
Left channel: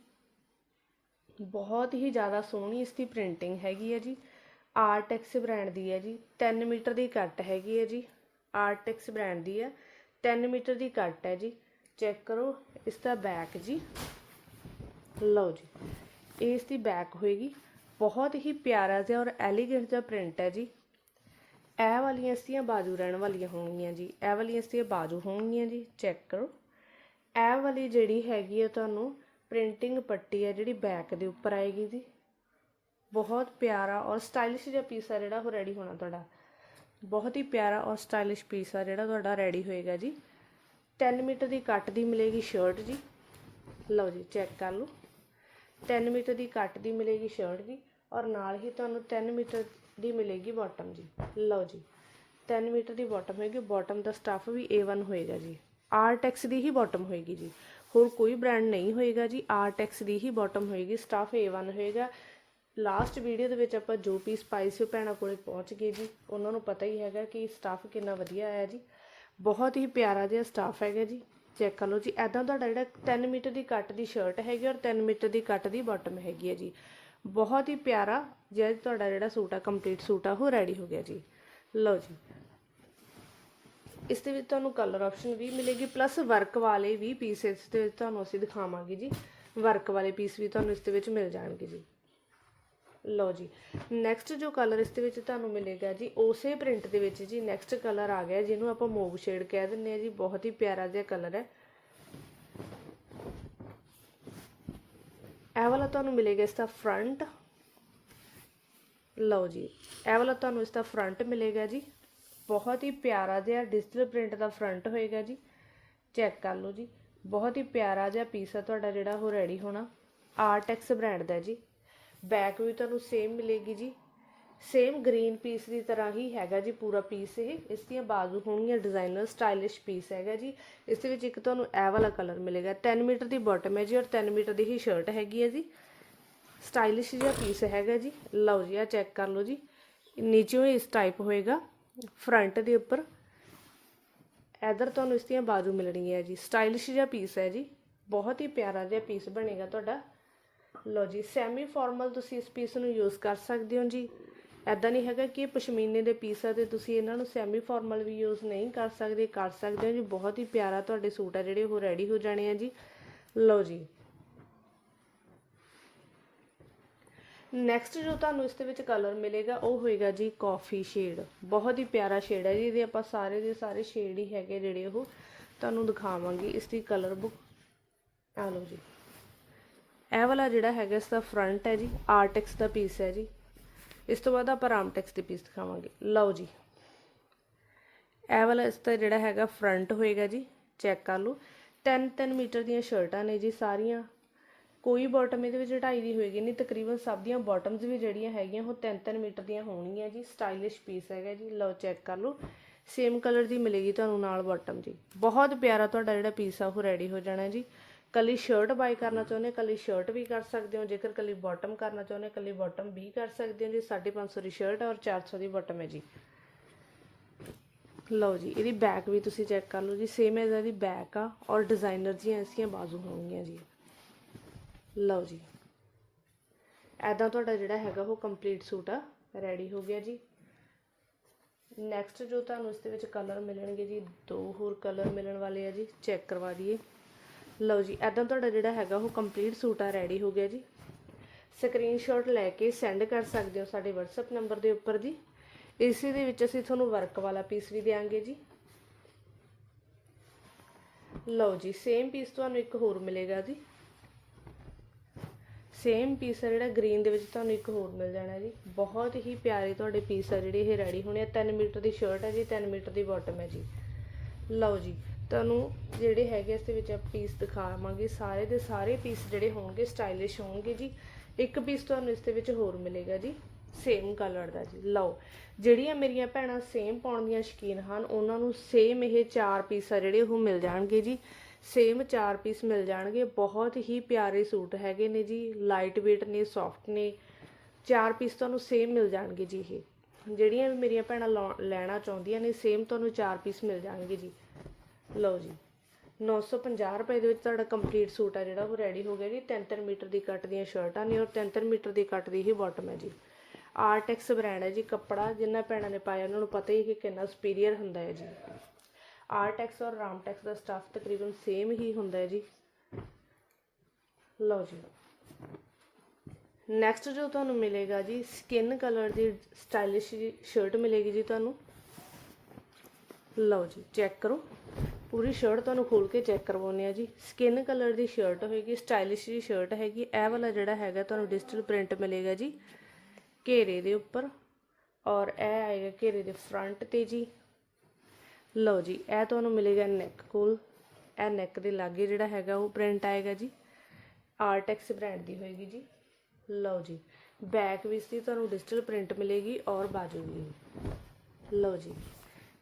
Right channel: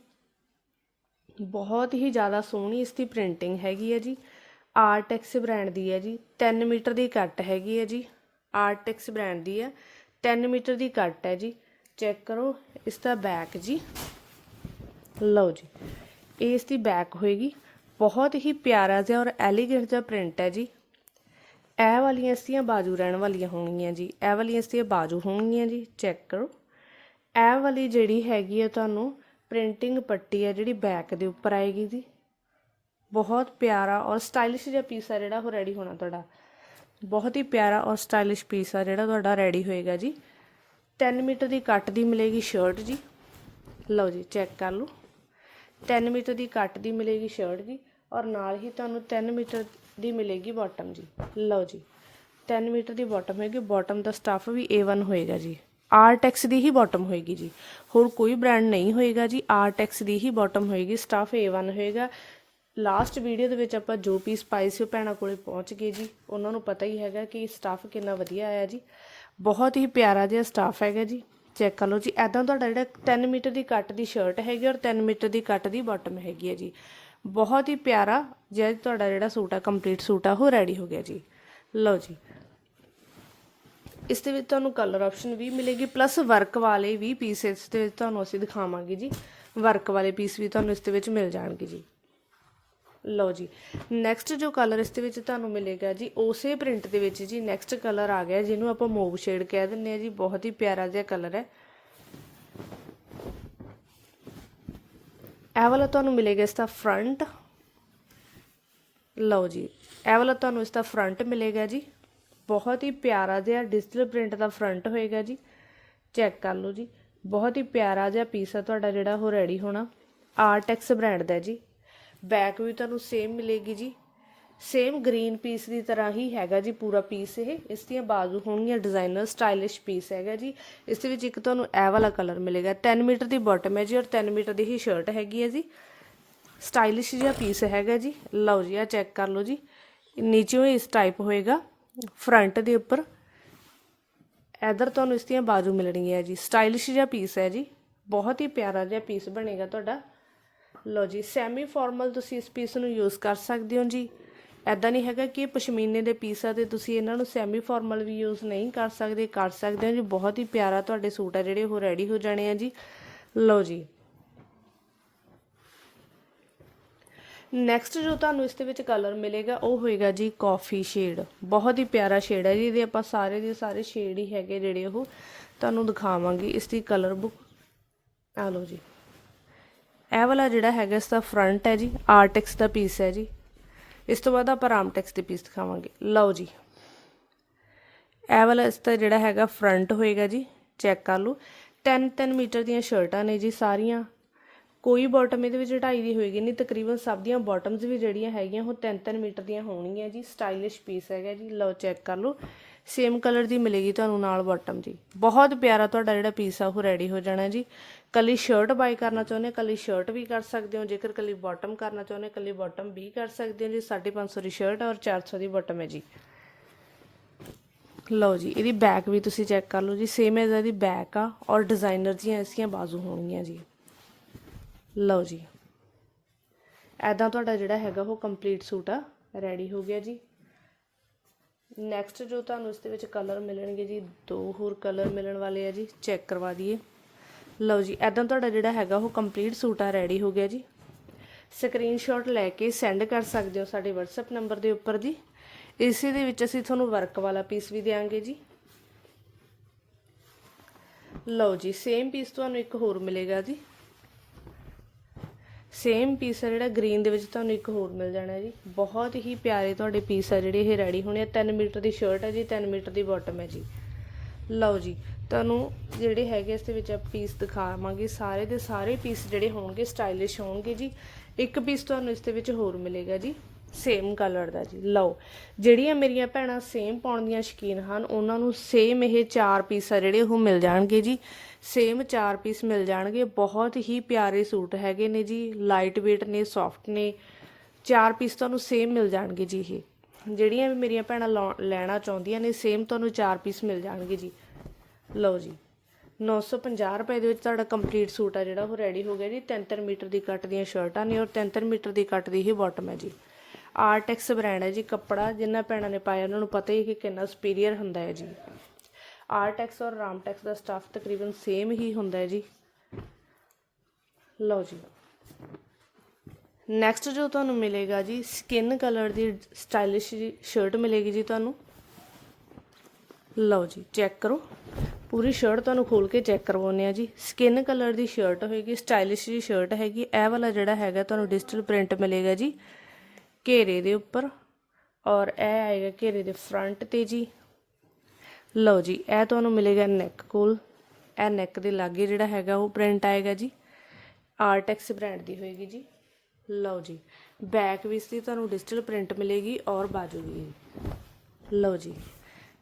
ਬਹੁਤ ਹੀ ਜ਼ਿਆਦਾ ਸੋਹਣੀ ਇਸ ਦੀ ਪ੍ਰਿੰਟਿੰਗ ਹੈਗੀ ਹੈ ਜੀ। ਆਰਟੈਕਸ ਬ੍ਰਾਂਡ ਦੀ ਹੈ ਜੀ। 3 ਮੀਟਰ ਦੀ ਕੱਟ ਹੈਗੀ ਹੈ ਜੀ। ਆਰਟੈਕਸ ਬ੍ਰਾਂਡ ਦੀ ਹੈ। 3 ਮੀਟਰ ਦੀ ਕੱਟ ਹੈ ਜੀ। ਚੈੱਕ ਕਰੋ, ਇਸ ਦਾ ਬੈਕ ਜੀ। ਲਓ ਜੀ। ਇਹ ਇਸ ਦੀ ਬੈਕ ਹੋਏਗੀ। ਬਹੁਤ ਹੀ ਪਿਆਰਾ ਜਿਹਾ ਔਰ ਐਲੀਗੈਂਟ ਜਿਹਾ ਪ੍ਰਿੰਟ ਹੈ ਜੀ। ਇਹ ਵਾਲੀਆਂ ਇਸਦੀਆਂ ਬਾਜੂ ਰਹਿਣ ਵਾਲੀਆਂ ਹੋਣਗੀਆਂ ਜੀ। ਇਹ ਵਾਲੀਆਂ ਇਸਦੀਆਂ ਬਾਜੂ ਹੋਣਗੀਆਂ ਜੀ ਚੈੱਕ ਕਰੋ। ਇਹ ਵਾਲੀ ਜਿਹੜੀ ਹੈਗੀ ਹੈ ਤੁਹਾਨੂੰ ਪ੍ਰਿੰਟਿੰਗ ਪੱਟੀ ਹੈ ਜਿਹੜੀ ਬੈਕ ਦੇ ਉੱਪਰ ਆਏਗੀ ਜੀ। ਬਹੁਤ ਪਿਆਰਾ ਔਰ ਸਟਾਈਲਿਸ਼ ਜਿਹਾ ਪੀਸ ਆ ਜਿਹੜਾ ਉਹ ਰੈਡੀ ਹੋਣਾ ਤੁਹਾਡਾ। ਬਹੁਤ ਹੀ ਪਿਆਰਾ ਔਰ ਸਟਾਈਲਿਸ਼ ਪੀਸ ਆ ਜਿਹੜਾ ਤੁਹਾਡਾ ਰੈਡੀ ਹੋਏਗਾ ਜੀ। 3 ਮੀਟਰ ਦੀ ਕੱਟ ਦੀ ਮਿਲੇਗੀ ਸ਼ਰਟ ਜੀ। ਲਓ ਜੀ ਚੈੱਕ ਕਰ ਲਓ। 3 ਮੀਟਰ ਦੀ ਕੱਟ ਦੀ ਮਿਲੇਗੀ ਸ਼ਰਟ ਜੀ ਔਰ ਨਾਲ ਹੀ ਤੁਹਾਨੂੰ 3 ਮੀਟਰ ਦੀ ਮਿਲੇਗੀ ਬਾਟਮ ਜੀ। ਲਓ ਜੀ 3 ਮੀਟਰ ਦੀ ਬਾਟਮ ਹੋਏਗੀ ਬਾਟਮ ਦਾ ਸਟੱਫ ਵੀ A1 ਹੋਏਗਾ ਜੀ। ਆਰਟੈਕਸ ਦੀ ਹੀ ਬਾਟਮ ਹੋਏਗੀ ਜੀ। ਹੋਰ ਕੋਈ ਬ੍ਰਾਂਡ ਨਹੀਂ ਹੋਏਗਾ ਜੀ ਆਰਟੈਕਸ ਦੀ ਹੀ ਬਾਟਮ ਹੋਏਗੀ ਸਟੱਫ A1 ਹੋਏਗਾ। ਲਾਸਟ ਵੀਡੀਓ ਦੇ ਵਿੱਚ ਆਪਾਂ ਜੋ ਪੀਸ ਪਾਏ ਸੀ ਉਹ ਭੈਣਾਂ ਕੋਲੇ ਪਹੁੰਚ ਗਏ ਜੀ। ਉਹਨਾਂ ਨੂੰ ਪਤਾ ਹੀ ਹੈਗਾ ਕਿ ਸਟੱਫ ਕਿੰਨਾ ਵਧੀਆ ਆਇਆ ਜੀ। ਬਹੁਤ ਹੀ ਪਿਆਰਾ ਜਿਹਾ ਸਟੱਫ ਹੈਗਾ ਜੀ। ਚੈੱਕ ਕਰ ਲਓ ਜੀ। ਐਦਾਂ ਤੁਹਾਡਾ ਜਿਹੜਾ 3 ਮੀਟਰ ਦੀ ਕੱਟ ਦੀ ਸ਼ਰਟ ਹੈਗੀ ਔਰ 3 ਮੀਟਰ ਦੀ ਕੱਟ ਦੀ ਬਾਟਮ ਹੈਗੀ ਹੈ ਜੀ। ਬਹੁਤ ਹੀ ਪਿਆਰਾ ਜਿਹਾ ਤੁਹਾਡਾ ਜਿਹੜਾ ਸੂਟ ਆ ਕੰਪਲੀਟ ਸੂਟ ਆ, ਉਹ ਰੈਡੀ ਹੋ ਗਿਆ ਜੀ। ਲਓ ਜੀ। ਇਸ ਦੇ ਵਿੱਚ ਤੁਹਾਨੂੰ ਕਲਰ ਆਪਸ਼ਨ ਵੀ ਮਿਲੇਗੀ ਪਲੱਸ ਵਰਕ ਵਾਲੇ ਵੀ ਪੀਸ ਇਸ ਦੇ ਵਿੱਚ ਤੁਹਾਨੂੰ ਅਸੀਂ ਦਿਖਾਵਾਂਗੇ ਜੀ। ਵਰਕ ਵਾਲੇ ਪੀਸ ਵੀ ਤੁਹਾਨੂੰ ਇਸ ਦੇ ਵਿੱਚ ਮਿਲ ਜਾਣਗੇ ਜੀ। ਲਓ ਜੀ। ਨੈਕਸਟ ਜੋ ਕਲਰ ਇਸ ਦੇ ਵਿੱਚ ਤੁਹਾਨੂੰ ਮਿਲੇਗਾ ਜੀ, ਉਸੇ ਪ੍ਰਿੰਟ ਦੇ ਵਿੱਚ ਜੀ ਨੈਕਸਟ ਕਲਰ ਆ ਗਿਆ, ਜਿਹਨੂੰ ਆਪਾਂ ਮੂਵ ਸ਼ੇਡ ਕਹਿ ਦਿੰਦੇ ਆ ਜੀ, ਬਹੁਤ ਹੀ ਪਿਆਰਾ ਜਿਹਾ ਕਲਰ ਹੈ। ਇਹ ਵਾਲਾ ਤੁਹਾਨੂੰ ਮਿਲੇਗਾ ਇਸ ਦਾ ਫਰੰਟ ਲਓ ਜੀ, ਇਹ ਵਾਲਾ ਤੁਹਾਨੂੰ ਇਸ ਦਾ ਫਰੰਟ ਮਿਲੇਗਾ ਜੀ। ਬਹੁਤ ਹੀ ਪਿਆਰਾ ਜਿਹਾ ਡਿਜੀਟਲ ਪ੍ਰਿੰਟ ਦਾ ਫਰੰਟ ਹੋਏਗਾ ਜੀ। ਚੈੱਕ ਕਰ ਲਓ ਜੀ, ਬਹੁਤ ਹੀ ਪਿਆਰਾ ਜਿਹਾ ਪੀਸ ਆ ਤੁਹਾਡਾ ਜਿਹੜਾ ਉਹ ਰੈਡੀ ਹੋਣਾ। ਆਰਟੈਕਸ ਬ੍ਰਾਂਡ ਦਾ ਜੀ। ਬੈਕ ਵੀ ਤੁਹਾਨੂੰ ਸੇਮ ਮਿਲੇਗੀ ਜੀ। ਸੇਮ ਗ੍ਰੀਨ ਪੀਸ ਦੀ ਤਰ੍ਹਾਂ ਹੀ ਹੈਗਾ ਜੀ ਪੂਰਾ ਪੀਸ ਇਹ। ਇਸ ਦੀਆਂ ਬਾਜ਼ੂ ਹੋਣਗੀਆਂ ਡਿਜ਼ਾਈਨਰ ਸਟਾਈਲਿਸ਼ ਪੀਸ ਹੈਗਾ ਜੀ। ਇਸ ਦੇ ਵਿੱਚ ਇੱਕ ਤੁਹਾਨੂੰ ਇਹ ਵਾਲਾ ਕਲਰ ਮਿਲੇਗਾ। 10 ਮੀਟਰ ਦੀ ਬਾਟਮ ਹੈ ਜੀ ਔਰ 10 ਮੀਟਰ ਦੀ ਹੀ ਸ਼ਰਟ ਹੈਗੀ ਹੈ ਜੀ। ਸਟਾਈਲਿਸ਼ ਜਿਹਾ ਪੀਸ ਹੈਗਾ ਜੀ। ਲਓ ਜੀ ਆ ਚੈੱਕ ਕਰ ਲਓ ਜੀ। ਨੀਚੇ ਇਸ ਟਾਈਪ ਹੋਏਗਾ। ਫਰੰਟ ਦੇ ਉੱਪਰ। ਇਧਰ ਤੁਹਾਨੂੰ ਇਸ ਦੀਆਂ ਬਾਜੂ ਮਿਲਣਗੀਆਂ ਜੀ। ਸਟਾਈਲਿਸ਼ ਜਿਹਾ ਪੀਸ ਹੈ ਜੀ। ਬਹੁਤ ਹੀ ਪਿਆਰਾ ਜਿਹਾ ਪੀਸ ਬਣੇਗਾ ਤੁਹਾਡਾ। ਲਓ ਜੀ ਸੈਮੀ ਫਾਰਮਲ ਤੁਸੀਂ ਇਸ ਪੀਸ ਨੂੰ ਯੂਜ਼ ਕਰ ਸਕਦੇ ਹੋ ਜੀ। ਐਦਾਂ ਨਹੀਂ ਹੈਗਾ ਕਿ ਪਸ਼ਮੀਨੇ ਦੇ ਪੀਸ ਆ ਤੇ ਤੁਸੀਂ ਇਹਨਾਂ ਨੂੰ ਸੈਮੀ ਫਾਰਮਲ ਵੀ ਯੂਜ਼ ਨਹੀਂ ਕਰ ਸਕਦੇ ਕਰ ਸਕਦੇ ਹੋ ਜੀ। ਬਹੁਤ ਹੀ ਪਿਆਰਾ ਤੁਹਾਡੇ ਸੂਟ ਆ ਜਿਹੜੇ, ਉਹ ਰੈਡੀ ਹੋ ਜਾਣੇ ਆ ਜੀ। ਲਓ ਜੀ। ਨੈਕਸਟ ਜੋ ਤੁਹਾਨੂੰ ਇਸ ਦੇ ਵਿੱਚ ਕਲਰ ਮਿਲੇਗਾ, ਉਹ ਹੋਏਗਾ ਜੀ ਕਾਫੀ ਸ਼ੇਡ ਬਹੁਤ ਹੀ ਪਿਆਰਾ ਸ਼ੇਡ ਹੈ ਜੀ, ਇਹਦੇ ਆਪਾਂ ਸਾਰੇ ਦੇ ਸਾਰੇ ਸ਼ੇਡ ਹੀ ਹੈਗੇ ਜਿਹੜੇ ਉਹ ਤੁਹਾਨੂੰ ਦਿਖਾਵਾਂਗੇ। ਇਸ ਦੀ ਕਲਰ ਬੁੱਕ ਆ ਲਓ ਜੀ। ਇਹ ਵਾਲਾ ਜਿਹੜਾ ਹੈਗਾ, ਇਸ ਦਾ ਫਰੰਟ ਹੈ ਜੀ ਆਰਟੈਕਸ ਦਾ ਪੀਸ ਹੈ ਜੀ। ਇਸ ਤੋਂ ਬਾਅਦ ਆਪਾਂ ਰਾਮਟੈਕਸ ਦੇ ਪੀਸ ਦਿਖਾਵਾਂਗੇ। ਲਓ ਜੀ। ਇਹ ਵਾਲਾ ਇਸ ਦਾ ਜਿਹੜਾ ਹੈਗਾ ਫਰੰਟ ਹੋਏਗਾ ਜੀ ਚੈੱਕ ਕਰ ਲਓ। 10 10 ਮੀਟਰ ਦੀਆਂ ਸ਼ਰਟਾਂ ਨੇ ਜੀ ਸਾਰੀਆਂ। ਕੋਈ ਬਾਟਮ ਇਹਦੇ ਵਿੱਚ ਢਾਈ ਦੀ ਹੋਏਗੀ ਨਹੀਂ, ਤਕਰੀਬਨ ਸਭ ਦੀਆਂ ਬਾਟਮਸ ਵੀ ਜਿਹੜੀਆਂ ਹੈਗੀਆਂ, ਉਹ 3 3 ਮੀਟਰ ਦੀਆਂ ਹੋਣਗੀਆਂ ਜੀ। ਸਟਾਈਲਿਸ਼ ਪੀਸ ਹੈਗਾ ਜੀ। ਲਓ ਚੈੱਕ ਕਰ ਲਓ। ਸੇਮ ਕਲਰ ਦੀ ਮਿਲੇਗੀ ਤੁਹਾਨੂੰ ਨਾਲ ਬਾਟਮ ਜੀ। ਬਹੁਤ ਪਿਆਰਾ ਤੁਹਾਡਾ ਜਿਹੜਾ ਪੀਸ ਆ, ਉਹ ਰੈਡੀ ਹੋ ਜਾਣਾ ਜੀ। ਕੱਲੀ ਸ਼ਰਟ ਬਾਈ ਕਰਨਾ ਚਾਹੁੰਦੇ ਕੱਲੀ ਸ਼ਰਟ ਵੀ ਕਰ ਸਕਦੇ ਹੋ, ਜੇਕਰ ਕੱਲੀ ਬਾਟਮ ਕਰਨਾ ਚਾਹੁੰਦੇ ਕੱਲੀ ਬਾਟਮ ਵੀ ਕਰ ਸਕਦੇ ਹੋ, ਜੀ 550 ਦੀ ਸ਼ਰਟ ਔਰ 400 ਦੀ ਬਾਟਮ ਹੈ ਜੀ। ਲਓ ਜੀ, ਇਹਦੀ ਬੈਕ ਵੀ ਤੁਸੀਂ ਚੈੱਕ ਕਰ ਲਓ ਜੀ ਸੇਮ ਐਜ਼ ਇਹਦੀ ਬੈਕ ਆ, ਔਰ ਡਿਜ਼ਾਈਨਰ ਦੀਆਂ ਇਸਦੀਆਂ ਬਾਜ਼ੂ ਹੋਣਗੀਆਂ ਜੀ। ਲਓ ਜੀ ਐਦਾਂ ਤੁਹਾਡਾ ਜਿਹੜਾ ਹੈਗਾ ਉਹ ਕੰਪਲੀਟ ਸੂਟ ਆ ਰੈਡੀ ਹੋ ਗਿਆ ਜੀ। ਨੈਕਸਟ ਜੋ ਤੁਹਾਨੂੰ ਇਸ ਦੇ ਵਿੱਚ ਕਲਰ ਮਿਲਣਗੇ ਜੀ, ਦੋ ਹੋਰ ਕਲਰ ਮਿਲਣ ਵਾਲੇ ਆ ਜੀ ਚੈੱਕ ਕਰਵਾ ਦਈਏ। ਲਓ ਜੀ ਐਦਾਂ ਤੁਹਾਡਾ ਜਿਹੜਾ ਹੈਗਾ ਉਹ ਕੰਪਲੀਟ ਸੂਟ ਆ ਰੈਡੀ ਹੋ ਗਿਆ ਜੀ। ਸਕਰੀਨਸ਼ਾਟ ਲੈ ਕੇ ਸੈਂਡ ਕਰ ਸਕਦੇ ਹੋ ਸਾਡੇ WhatsApp ਨੰਬਰ ਦੇ ਉੱਪਰ ਜੀ। ਇਸੇ ਦੇ ਵਿੱਚ ਅਸੀਂ ਤੁਹਾਨੂੰ ਵਰਕ ਵਾਲਾ ਪੀਸ ਵੀ ਦੇਵਾਂਗੇ ਜੀ। ਲਓ ਜੀ ਸੇਮ ਪੀਸ ਤੁਹਾਨੂੰ ਇੱਕ ਹੋਰ ਮਿਲੇਗਾ ਜੀ। ਸੇਮ ਪੀਸ ਆ ਜਿਹੜਾ ਗ੍ਰੀਨ ਦੇ ਵਿੱਚ ਤੁਹਾਨੂੰ ਇੱਕ ਹੋਰ ਮਿਲ ਜਾਣਾ ਜੀ। ਬਹੁਤ ਹੀ ਪਿਆਰੇ ਤੁਹਾਡੇ ਪੀਸ ਆ ਜਿਹੜੇ ਇਹ ਰੈਡੀ ਹੋਣੇ ਆ। 3 ਮੀਟਰ ਦੀ ਸ਼ਰਟ ਹੈ ਜੀ 3 ਮੀਟਰ ਦੀ ਬਾਟਮ ਹੈ ਜੀ। ਲਓ ਜੀ ਤੁਹਾਨੂੰ ਜਿਹੜੇ ਹੈਗੇ ਇਸ ਦੇ ਵਿੱਚ ਆ ਪੀਸ ਦਿਖਾਵਾਂਗੇ। ਸਾਰੇ ਦੇ ਸਾਰੇ ਪੀਸ ਜਿਹੜੇ ਹੋਣਗੇ ਸਟਾਈਲਿਸ਼ ਹੋਣਗੇ ਜੀ। ਇੱਕ ਪੀਸ ਤੁਹਾਨੂੰ ਇਸ ਦੇ ਵਿੱਚ ਹੋਰ ਮਿਲੇਗਾ ਜੀ। ਸੇਮ ਕਲਰ ਦਾ ਜੀ। ਲਓ, ਜਿਹੜੀਆਂ ਮੇਰੀਆਂ ਭੈਣਾਂ ਸੇਮ ਪਾਉਣ ਦੀਆਂ ਸ਼ਕੀਨ ਹਨ, ਉਹਨਾਂ ਨੂੰ ਸੇਮ ਇਹ ਚਾਰ ਪੀਸ ਆ ਜਿਹੜੇ ਉਹ ਮਿਲ ਜਾਣਗੇ ਜੀ। ਸੇਮ ਚਾਰ ਪੀਸ ਮਿਲ ਜਾਣਗੇ। ਬਹੁਤ ਹੀ ਪਿਆਰੇ ਸੂਟ ਹੈਗੇ ਨੇ ਜੀ। ਲਾਈਟ weight ਨੇ ਸੌਫਟ ਨੇ। ਚਾਰ ਪੀਸ ਤੁਹਾਨੂੰ ਸੇਮ ਮਿਲ ਜਾਣਗੇ ਜੀ ਇਹ। ਜਿਹੜੀਆਂ ਵੀ ਮੇਰੀਆਂ ਭੈਣਾਂ ਲਓ- ਲੈਣਾ ਚਾਹੁੰਦੀਆਂ ਨੇ ਸੇਮ ਤੁਹਾਨੂੰ ਚਾਰ ਪੀਸ ਮਿਲ ਜਾਣਗੇ ਜੀ। ਲਓ ਜੀ 950 ਰੁਪਏ ਦੇ ਵਿੱਚ ਤੁਹਾਡਾ ਕੰਪਲੀਟ ਸੂਟ ਆ ਜਿਹੜਾ, ਉਹ ਰੈਡੀ ਹੋ ਗਿਆ ਜੀ। 3-3 ਮੀਟਰ ਦੀ ਕੱਟ ਦੀਆਂ ਸ਼ਰਟਾਂ ਨੇ ਔਰ 3-3 ਮੀਟਰ ਦੀ ਕੱਟ ਦੀ ਹੀ ਬਾਟਮ ਹੈ ਜੀ। ਆਰਟੈਕਸ ਬ੍ਰਾਂਡ ਹੈ ਜੀ ਕੱਪੜਾ, ਜਿੰਨਾ ਭੈਣਾਂ ਨੇ ਪਾਇਆ, ਉਹਨਾਂ ਨੂੰ ਪਤਾ ਹੀ ਕਿ ਕਿੰਨਾ ਸੁਪੀਰੀਅਰ ਹੁੰਦਾ ਹੈ ਜੀ। ਆਰਟੈਕਸ ਔਰ ਰਾਮਟੈਕਸ ਦਾ ਸਟਾਫ ਤਕਰੀਬਨ ਸੇਮ ਹੀ ਹੁੰਦਾ ਹੈ ਜੀ। ਲਓ ਜੀ। ਨੈਕਸਟ ਜੋ ਤੁਹਾਨੂੰ ਮਿਲੇਗਾ ਜੀ ਸਕਿਨ ਕਲਰ ਦੀ ਸਟਾਈਲਿਸ਼ ਸ਼ਰਟ ਮਿਲੇਗੀ ਜੀ ਤੁਹਾਨੂੰ। ਲਓ ਜੀ ਚੈੱਕ ਕਰੋ। ਪੂਰੀ ਸ਼ਰਟ ਤੁਹਾਨੂੰ ਖੋਲ ਕੇ ਚੈੱਕ ਕਰਵਾਉਂਦੇ ਆ ਜੀ। ਸਕਿਨ ਕਲਰ ਦੀ ਸ਼ਰਟ ਹੋਏਗੀ ਸਟਾਈਲਿਸ਼ ਜੀ ਸ਼ਰਟ ਹੈਗੀ, ਇਹ ਵਾਲਾ ਜਿਹੜਾ ਹੈਗਾ ਤੁਹਾਨੂੰ ਡਿਜੀਟਲ ਪ੍ਰਿੰਟ ਮਿਲੇਗਾ ਜੀ, ਘੇਰੇ ਦੇ ਉੱਪਰ। ਔਰ ਇਹ ਆਏਗਾ ਘੇਰੇ ਦੇ ਫਰੰਟ ਤੇ ਜੀ। ਲਓ ਜੀ, ਇਹ ਤੁਹਾਨੂੰ ਮਿਲੇਗਾ ਨੈਕ ਕੋਲ। ਇਹ ਨੈਕ ਦੇ ਲਾਗੇ ਜਿਹੜਾ ਹੈਗਾ ਉਹ ਪ੍ਰਿੰਟ ਆਏਗਾ ਜੀ। ਆਰਟੈਕਸ ਬ੍ਰਾਂਡ ਦੀ ਹੋਏਗੀ ਜੀ। ਲਓ ਜੀ ਬੈਕ ਵਿੱਚ ਦੀ ਤੁਹਾਨੂੰ ਡਿਜੀਟਲ ਪ੍ਰਿੰਟ ਮਿਲੇਗੀ ਔਰ ਬਾਜੂ ਵੀ ਲਓ ਜੀ।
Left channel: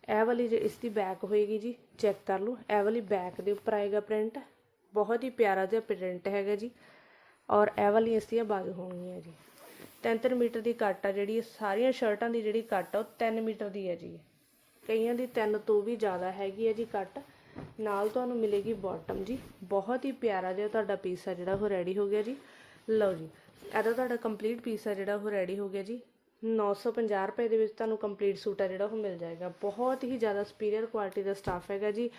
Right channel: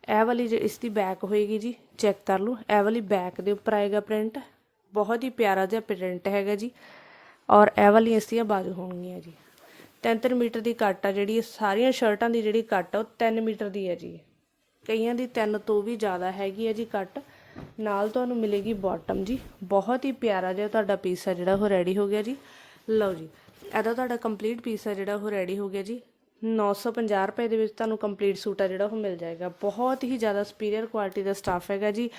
ਇਹ ਵਾਲੀ ਜੋ ਇਸ ਦੀ ਬੈਕ ਹੋਏਗੀ ਜੀ ਚੈੱਕ ਕਰ ਲਓ। ਇਹ ਵਾਲੀ ਬੈਕ ਦੇ ਉੱਪਰ ਆਏਗਾ ਪ੍ਰਿੰਟ ਬਹੁਤ ਹੀ ਪਿਆਰਾ ਜਿਹਾ ਪ੍ਰਿੰਟ ਹੈਗਾ ਜੀ। ਔਰ ਇਹ ਵਾਲੀ ਇਸ ਦੀਆਂ ਬਾਜੂ ਹੋਣਗੀਆਂ ਜੀ। 3 ਮੀਟਰ ਦੀ ਕੱਟ ਆ ਜਿਹੜੀ, ਸਾਰੀਆਂ ਸ਼ਰਟਾਂ ਦੀ ਜਿਹੜੀ ਕੱਟ ਆ, ਉਹ 3 ਮੀਟਰ ਦੀ ਹੈ ਜੀ। ਕਈਆਂ ਦੀ 3 ਤੋਂ ਵੀ ਜ਼ਿਆਦਾ ਹੈਗੀ ਹੈ ਜੀ ਕੱਟ ਨਾਲ ਤੁਹਾਨੂੰ ਮਿਲੇਗੀ ਬਾਟਮ ਜੀ। ਬਹੁਤ ਹੀ ਪਿਆਰਾ ਜਿਹਾ ਤੁਹਾਡਾ ਪੀਸ ਆ ਜਿਹੜਾ, ਉਹ ਰੈਡੀ ਹੋ ਗਿਆ ਜੀ। ਲਓ ਜੀ। ਇਹਦਾ ਤੁਹਾਡਾ ਕੰਪਲੀਟ ਪੀਸ ਆ ਜਿਹੜਾ, ਉਹ ਰੈਡੀ ਹੋ ਗਿਆ ਜੀ। 950 ਰੁਪਏ ਦੇ ਵਿੱਚ ਤੁਹਾਨੂੰ ਕੰਪਲੀਟ ਸੂਟ ਆ ਜਿਹੜਾ ਉਹ ਮਿਲ ਜਾਏਗਾ। ਬਹੁਤ ਹੀ ਜ਼ਿਆਦਾ ਸੁਪੀਰੀਅਰ ਕੁਆਲਿਟੀ ਦਾ ਸਟਾਫ ਹੈਗਾ ਜੀ।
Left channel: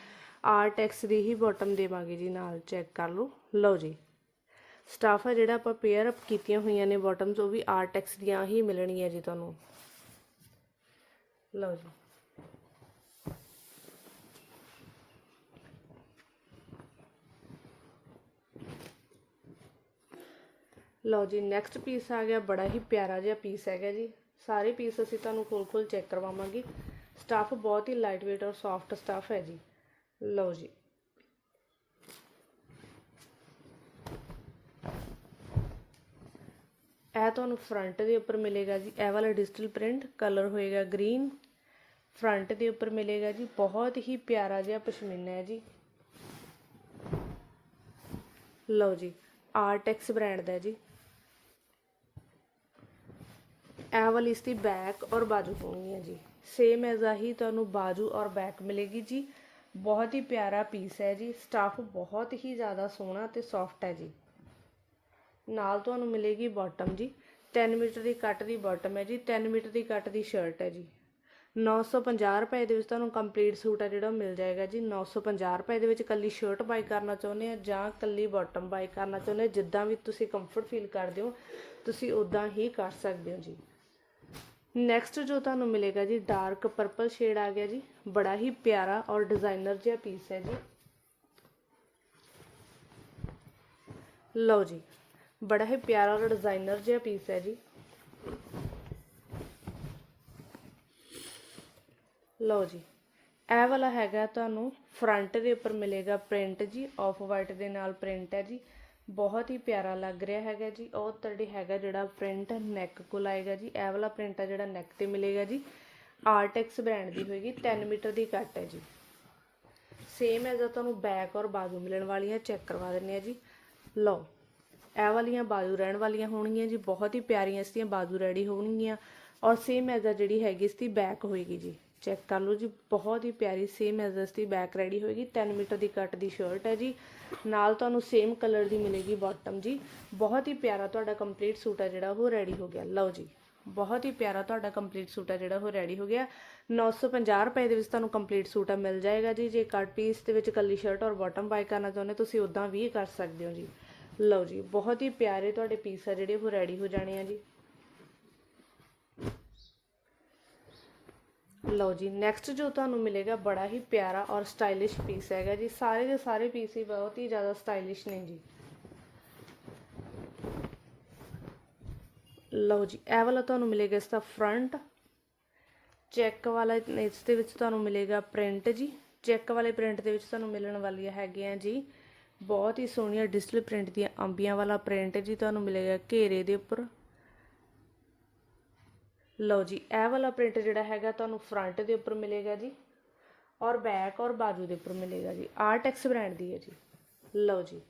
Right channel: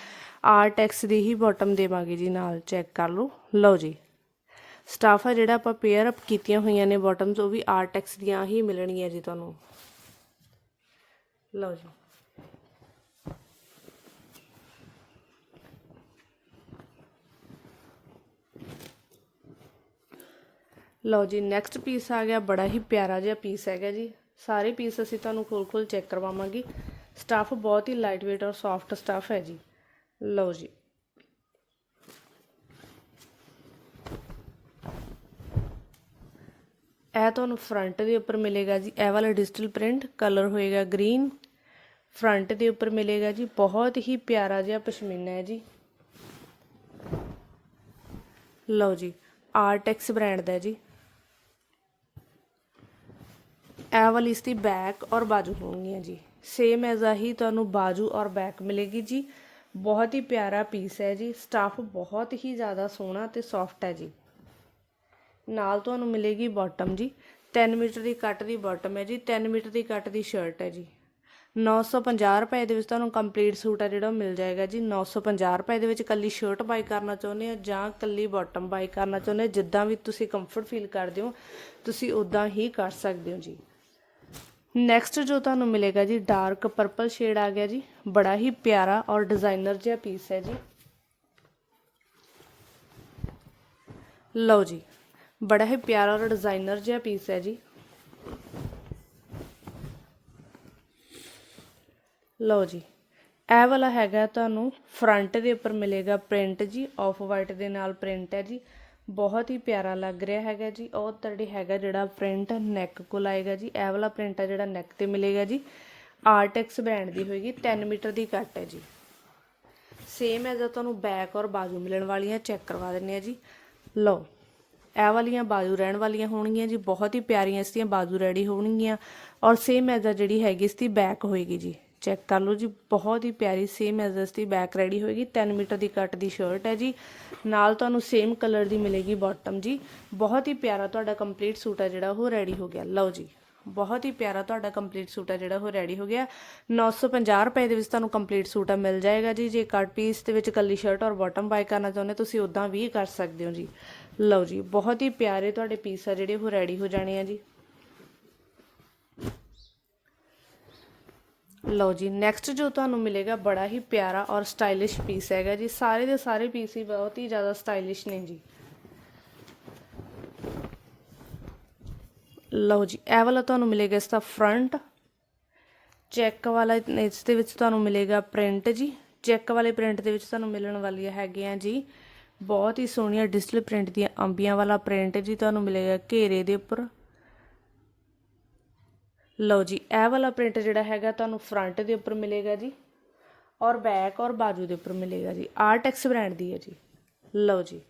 ਆਰਟੈਕਸ ਦੀ ਹੀ ਬਾਟਮ ਦੇਵਾਂਗੇ ਜੀ ਨਾਲ ਚੈੱਕ ਕਰ ਲਓ। ਲਓ ਜੀ। ਸਟਾਫ ਆ ਜਿਹੜਾ ਆਪਾਂ ਪੇਅਰ ਅਪ ਕੀਤੀਆਂ ਹੋਈਆਂ ਨੇ ਬਾਟਮਸ ਉਹ ਵੀ ਆਰਟੈਕਸ ਦੀਆਂ ਹੀ ਮਿਲਣਗੀਆਂ ਜੀ ਤੁਹਾਨੂੰ। ਲਓ ਜੀ। ਲਓ ਜੀ ਨੈਕਸਟ ਪੀਸ ਆ ਗਿਆ, ਬੜਾ ਹੀ ਪਿਆਰਾ ਜਿਹਾ ਪੀਸ ਹੈਗਾ ਜੀ। ਸਾਰੇ ਪੀਸ ਅਸੀਂ ਤੁਹਾਨੂੰ ਖੋਲ ਖੋਲ ਚੈੱਕ ਕਰਵਾਵਾਂਗੇ। ਸਟੱਫ ਬਹੁਤ ਹੀ ਲਾਈਟ weight ਔਰ ਸੌਫਟ ਸਟੱਫ ਹੈ ਜੀ। ਲਓ ਜੀ। ਇਹ ਤੁਹਾਨੂੰ ਫਰੰਟ ਦੇ ਉੱਪਰ ਮਿਲੇਗਾ ਜੀ। ਇਹ ਵਾਲਾ ਡਿਜੀਟਲ ਪ੍ਰਿੰਟ ਕਲਰ ਹੋਏਗਾ ਗ੍ਰੀਨ ਫਰੰਟ ਦੇ ਉੱਪਰ ਮਿਲੇਗਾ ਜੀ। ਬਹੁਤ ਹੀ ਪਿਆਰਾ ਜਿਹਾ ਪਸ਼ਮੀਨਾ ਹੈ ਜੀ। ਲਓ ਜੀ ਆਰਟੈਕਸ ਬ੍ਰਾਂਡ ਦਾ ਜੀ। ਇਹ ਵਾਲੀ ਇਸ ਦੀ ਬੈਕ ਔਰ ਬਾਜੂ ਹੋਣਗੀਆਂ ਜੀ। ਸੇਮ ਐਜ਼ ਆ ਹੀ ਤੁਹਾਨੂੰ ਬਾਜੂ ਔਰ ਬੈਕ ਮਿਲੇਗੀ ਜੀ। ਬਹੁਤ ਹੀ ਪਿਆਰਾ ਪੀਸ ਹੈ ਜੀ। ਸਟਾਫ ਬਹੁਤ ਹੀ ਜ਼ਿਆਦਾ ਸੋਹਣਾ ਤੇ ਸੌਫਟ ਹੈ ਜੀ। ਨਾਲ ਤੁਹਾਨੂੰ ਮਿਲੇਗੀ ਬਾਟਮ ਜੀ। 3 ਮੀਟਰ ਦੀ ਕੱਟ ਦੀ ਬਾਟਮ ਹੈ ਜੀ। 3 ਮੀਟਰ ਦੀ ਕੱਟ ਦੀ ਸ਼ਰਟ ਹੈ ਜੀ। 950 ਰੁਪਏ ਦੇ ਵਿੱਚ ਤੁਹਾਨੂੰ ਕੰਪਲੀਟ ਸੂਟ ਆ ਜਿਹੜਾ ਉਹ ਮਿਲ ਜਾਏਗਾ ਜੀ। 950 ਰੁਪਏ ਦੇ ਵਿੱਚ ਕੱਲੀ ਸ਼ਰਟ ਬਾਈ ਕਰਨਾ ਚਾਹੁੰਦੇ ਹੋ ਜਾਂ ਕੱਲੀ ਬਾਟਮ ਬਾਈ ਕਰਨਾ ਚਾਹੁੰਦੇ ਹੋ, ਜਿੱਦਾਂ ਵੀ ਤੁਸੀਂ ਕੰਫਰਟ ਫੀਲ ਕਰਦੇ ਹੋ, ਤੁਸੀਂ ਉਦਾਂ ਹੀ ਕਰ ਸਕਦੇ ਹੋ ਜੀ। ਨੈਕਸਟ ਜੋ ਤੁਹਾਨੂੰ ਮਿਲੇਗਾ ਜੀ ਡਾਰਕ ਪਰਪਲ ਸ਼ੇਡ ਆ ਗਿਆ ਜੀ। ਬੜਾ ਹੀ ਪਿਆਰਾ ਔਰ ਡਿਜ਼ਾਈਨਰ ਜਿਹਾ ਪੀਸ ਹੈ ਜੀ। ਲਓ ਜੀ, ਬੜਾ ਹੀ ਪਿਆਰਾ ਔਰ ਡਿਜ਼ਾਈਨਰ ਜਿਹਾ ਪੀਸ ਹੈ ਜੀ। ਲਓ ਜੀ, ਇਹ ਵਾਲਾ ਹੈਗਾ ਤੁਹਾਨੂੰ ਫਰੰਟ ਦੇ ਉੱਪਰ ਮਿਲੇਗਾ ਪ੍ਰਿੰਟ ਜੀ ਆਫ ਵਾਈਟ ਦੇ ਨਾਲ ਪ੍ਰਿੰਟ ਹੈ ਜੀ। ਬਹੁਤ ਹੀ ਪਿਆਰਾ ਲੱਗ ਰਿਹਾ ਹੈਗਾ ਜੀ। ਉਹ ਤੁਹਾਡੀ ਹੈਗਾ ਜਿਹੜਾ ਪ੍ਰਿੰਟ ਨੈਕ ਕੋਲ ਆਏਗਾ ਜੀ। ਇਹ ਵਾਲਾ ਪ੍ਰਿੰਟ ਆ ਜਿਹੜਾ ਨੈਕ ਤੇ ਮਿਲੇਗਾ ਜੀ। ਆਰਟੈਕਸ ਬ੍ਰਾਂਡ ਦੀ ਹੋਏਗੀ। 3 ਮੀਟਰ ਦੀ ਕੱਟ ਹੈ ਜੀ। ਸੇਮ ਐਜ਼ ਤੁਹਾਨੂੰ ਬੈਕ ਔਰ ਬਾਜੂ ਮਿਲਣ ਵਾਲੀਆਂ ਚੈੱਕ ਕਰਵਾ ਦਿੰਨੇ ਆ ਜੀ। ਲਓ, ਇਹ ਵਾਲੀਆਂ ਬਾਜੂ ਰਹਿਣ ਵਾਲੀਆਂ ਹੋਣਗੀਆਂ ਜੀ। ਬਹੁਤ ਹੀ ਪਿਆਰੀਆਂ ਇਸ ਦੀਆਂ ਬਾਜੂ ਰੈਡੀ ਹੋਣਗੀਆਂ। ਔਰ ਸੇਮ ਐਜ਼ ਜਿਹੜੀ ਹੈਗੀ ਇਸ ਦੀ ਬੈਕ ਹੋਏਗੀ ਜੀ। ਚੈੱਕ ਕਰ ਲਓ ਜੀ, ਬਹੁਤ ਹੀ ਪਿਆਰੀ ਸੇਮ ਐਜ਼ ਇਸ ਦੀ ਬੈਕ ਰੈਡੀ ਹੋਏਗੀ 3 ਮੀਟਰ ਦੀ ਕੱਟ ਦੀ ਸ਼ਰਟ ਹੈ ਜੀ। ਨਾਲ ਤੁਹਾਨੂੰ ਸੇਮ ਕਲਰ ਦੀ ਮਿਲੇਗੀ ਬਾਟਮ ਜੀ। ਬਹੁਤ ਹੀ ਪਿਆਰਾ ਤੁਹਾਡਾ ਕੰਪਲੀਟ ਸੂਟ ਆ ਜਿਹੜਾ, ਉਹ ਰੈਡੀ ਹੋ ਗਿਆ। ਲਓ ਜੀ, ਬਹੁਤ ਹੀ ਪਿਆਰਾ ਤੁਹਾਡਾ ਕੰਪਲੀਟ ਸੂਟ ਆ ਜਿਹੜਾ, ਉਹ ਰੈਡੀ ਹੋ ਗਿਆ। 950 ਰੁਪਏ ਦੇ ਵਿੱਚ ਤੁਹਾਨੂੰ ਕੰਪਲੀਟ ਸੂਟ ਆ ਮਿਲ ਜਾਏਗਾ ਜੀ। ਜੇ ਕੱਟ ਪੀਸ ਦੇ ਵਿੱਚ ਕੱਲੀ ਸ਼ਰਟ ਔਰ ਬਾਟਮ ਬਾਈ ਕਰਨਾ ਚਾਹੁੰਦੇ ਤੁਸੀਂ ਉਦਾਂ ਵੀ ਕਰ ਸਕਦੇ ਹੋ ਜੀ। ਲਓ ਜੀ, ਬਹੁਤ ਹੀ ਪਿਆਰੇ ਤੁਹਾਡੇ ਪੀਸ ਆ ਜਿਹੜੇ, ਉਹ ਰੈਡੀ ਹੋ ਜਾਣੇ ਆ ਜੀ। ਲਓ ਜੀ ਨੈਕਸਟ ਜੋ ਤੁਹਾਨੂੰ ਮਿਲੇਗਾ ਬੜਾ ਹੀ ਪਿਆਰਾ ਔਰ ਸਟਾਈਲਿਸ਼ ਪੀਸ ਹੈਗਾ ਜੀ। ਸਾਰੇ ਦੇ ਸਾਰੇ ਪੀਸ ਹੀ ਬਹੁਤ ਹੀ ਜ਼ਿਆਦਾ ਸਟਾਈਲਿਸ਼ ਨੇ ਜੀ। ਲਓ ਜੀ, ਇਹ ਵਾਲਾ ਤੁਹਾਨੂੰ ਮਿਲੇਗਾ ਇਸ ਦਾ ਫਰੰਟ ਚੈੱਕ ਵਾਲਾ ਇਸ ਦੇ ਵਿੱਚ ਤੁਹਾਨੂੰ ਮਿਲੇਗਾ ਪ੍ਰਿੰਟ ਜੀ। ਚੈੱਕ ਵਾਲੇ ਪ੍ਰਿੰਟ ਦੇ ਵਿੱਚ ਤੁਹਾਨੂੰ ਮਿਲਣ ਵਾਲੀਆਂ ਹੈਗੀਆਂ ਜੀ। ਬਹੁਤ ਹੀ ਸੋਹਣੀਆਂ ਡਿਜੀਟਲ ਪ੍ਰਿੰਟ ਦੀਆਂ ਅੰਬੀਆਂ ਵਾਲਾ ਪ੍ਰਿੰਟ ਜੀ, ਤੁਹਾਨੂੰ ਮਿਲੇਗਾ ਘੇਰੇ ਦੇ ਉੱਪਰ। ਲਓ ਜੀ, ਇਹ ਵਾਲਾ ਪ੍ਰਿੰਟ ਜਿਹੜਾ ਹੈਗਾ ਤੁਹਾਨੂੰ ਫਰੰਟ ਦੇ ਉੱਪਰ ਮਿਲੇਗਾ ਜੀ ਔਰ ਬੈਕ ਔਰ ਬਾਜੂ ਦੇ ਉੱਪਰ ਮਿਲੇਗਾ ਜੀ। ਆਰਟੈਕਸ ਬ੍ਰਾਂਡ ਦੀ ਹੈ ਜੀ। ਲਓ ਜੀ,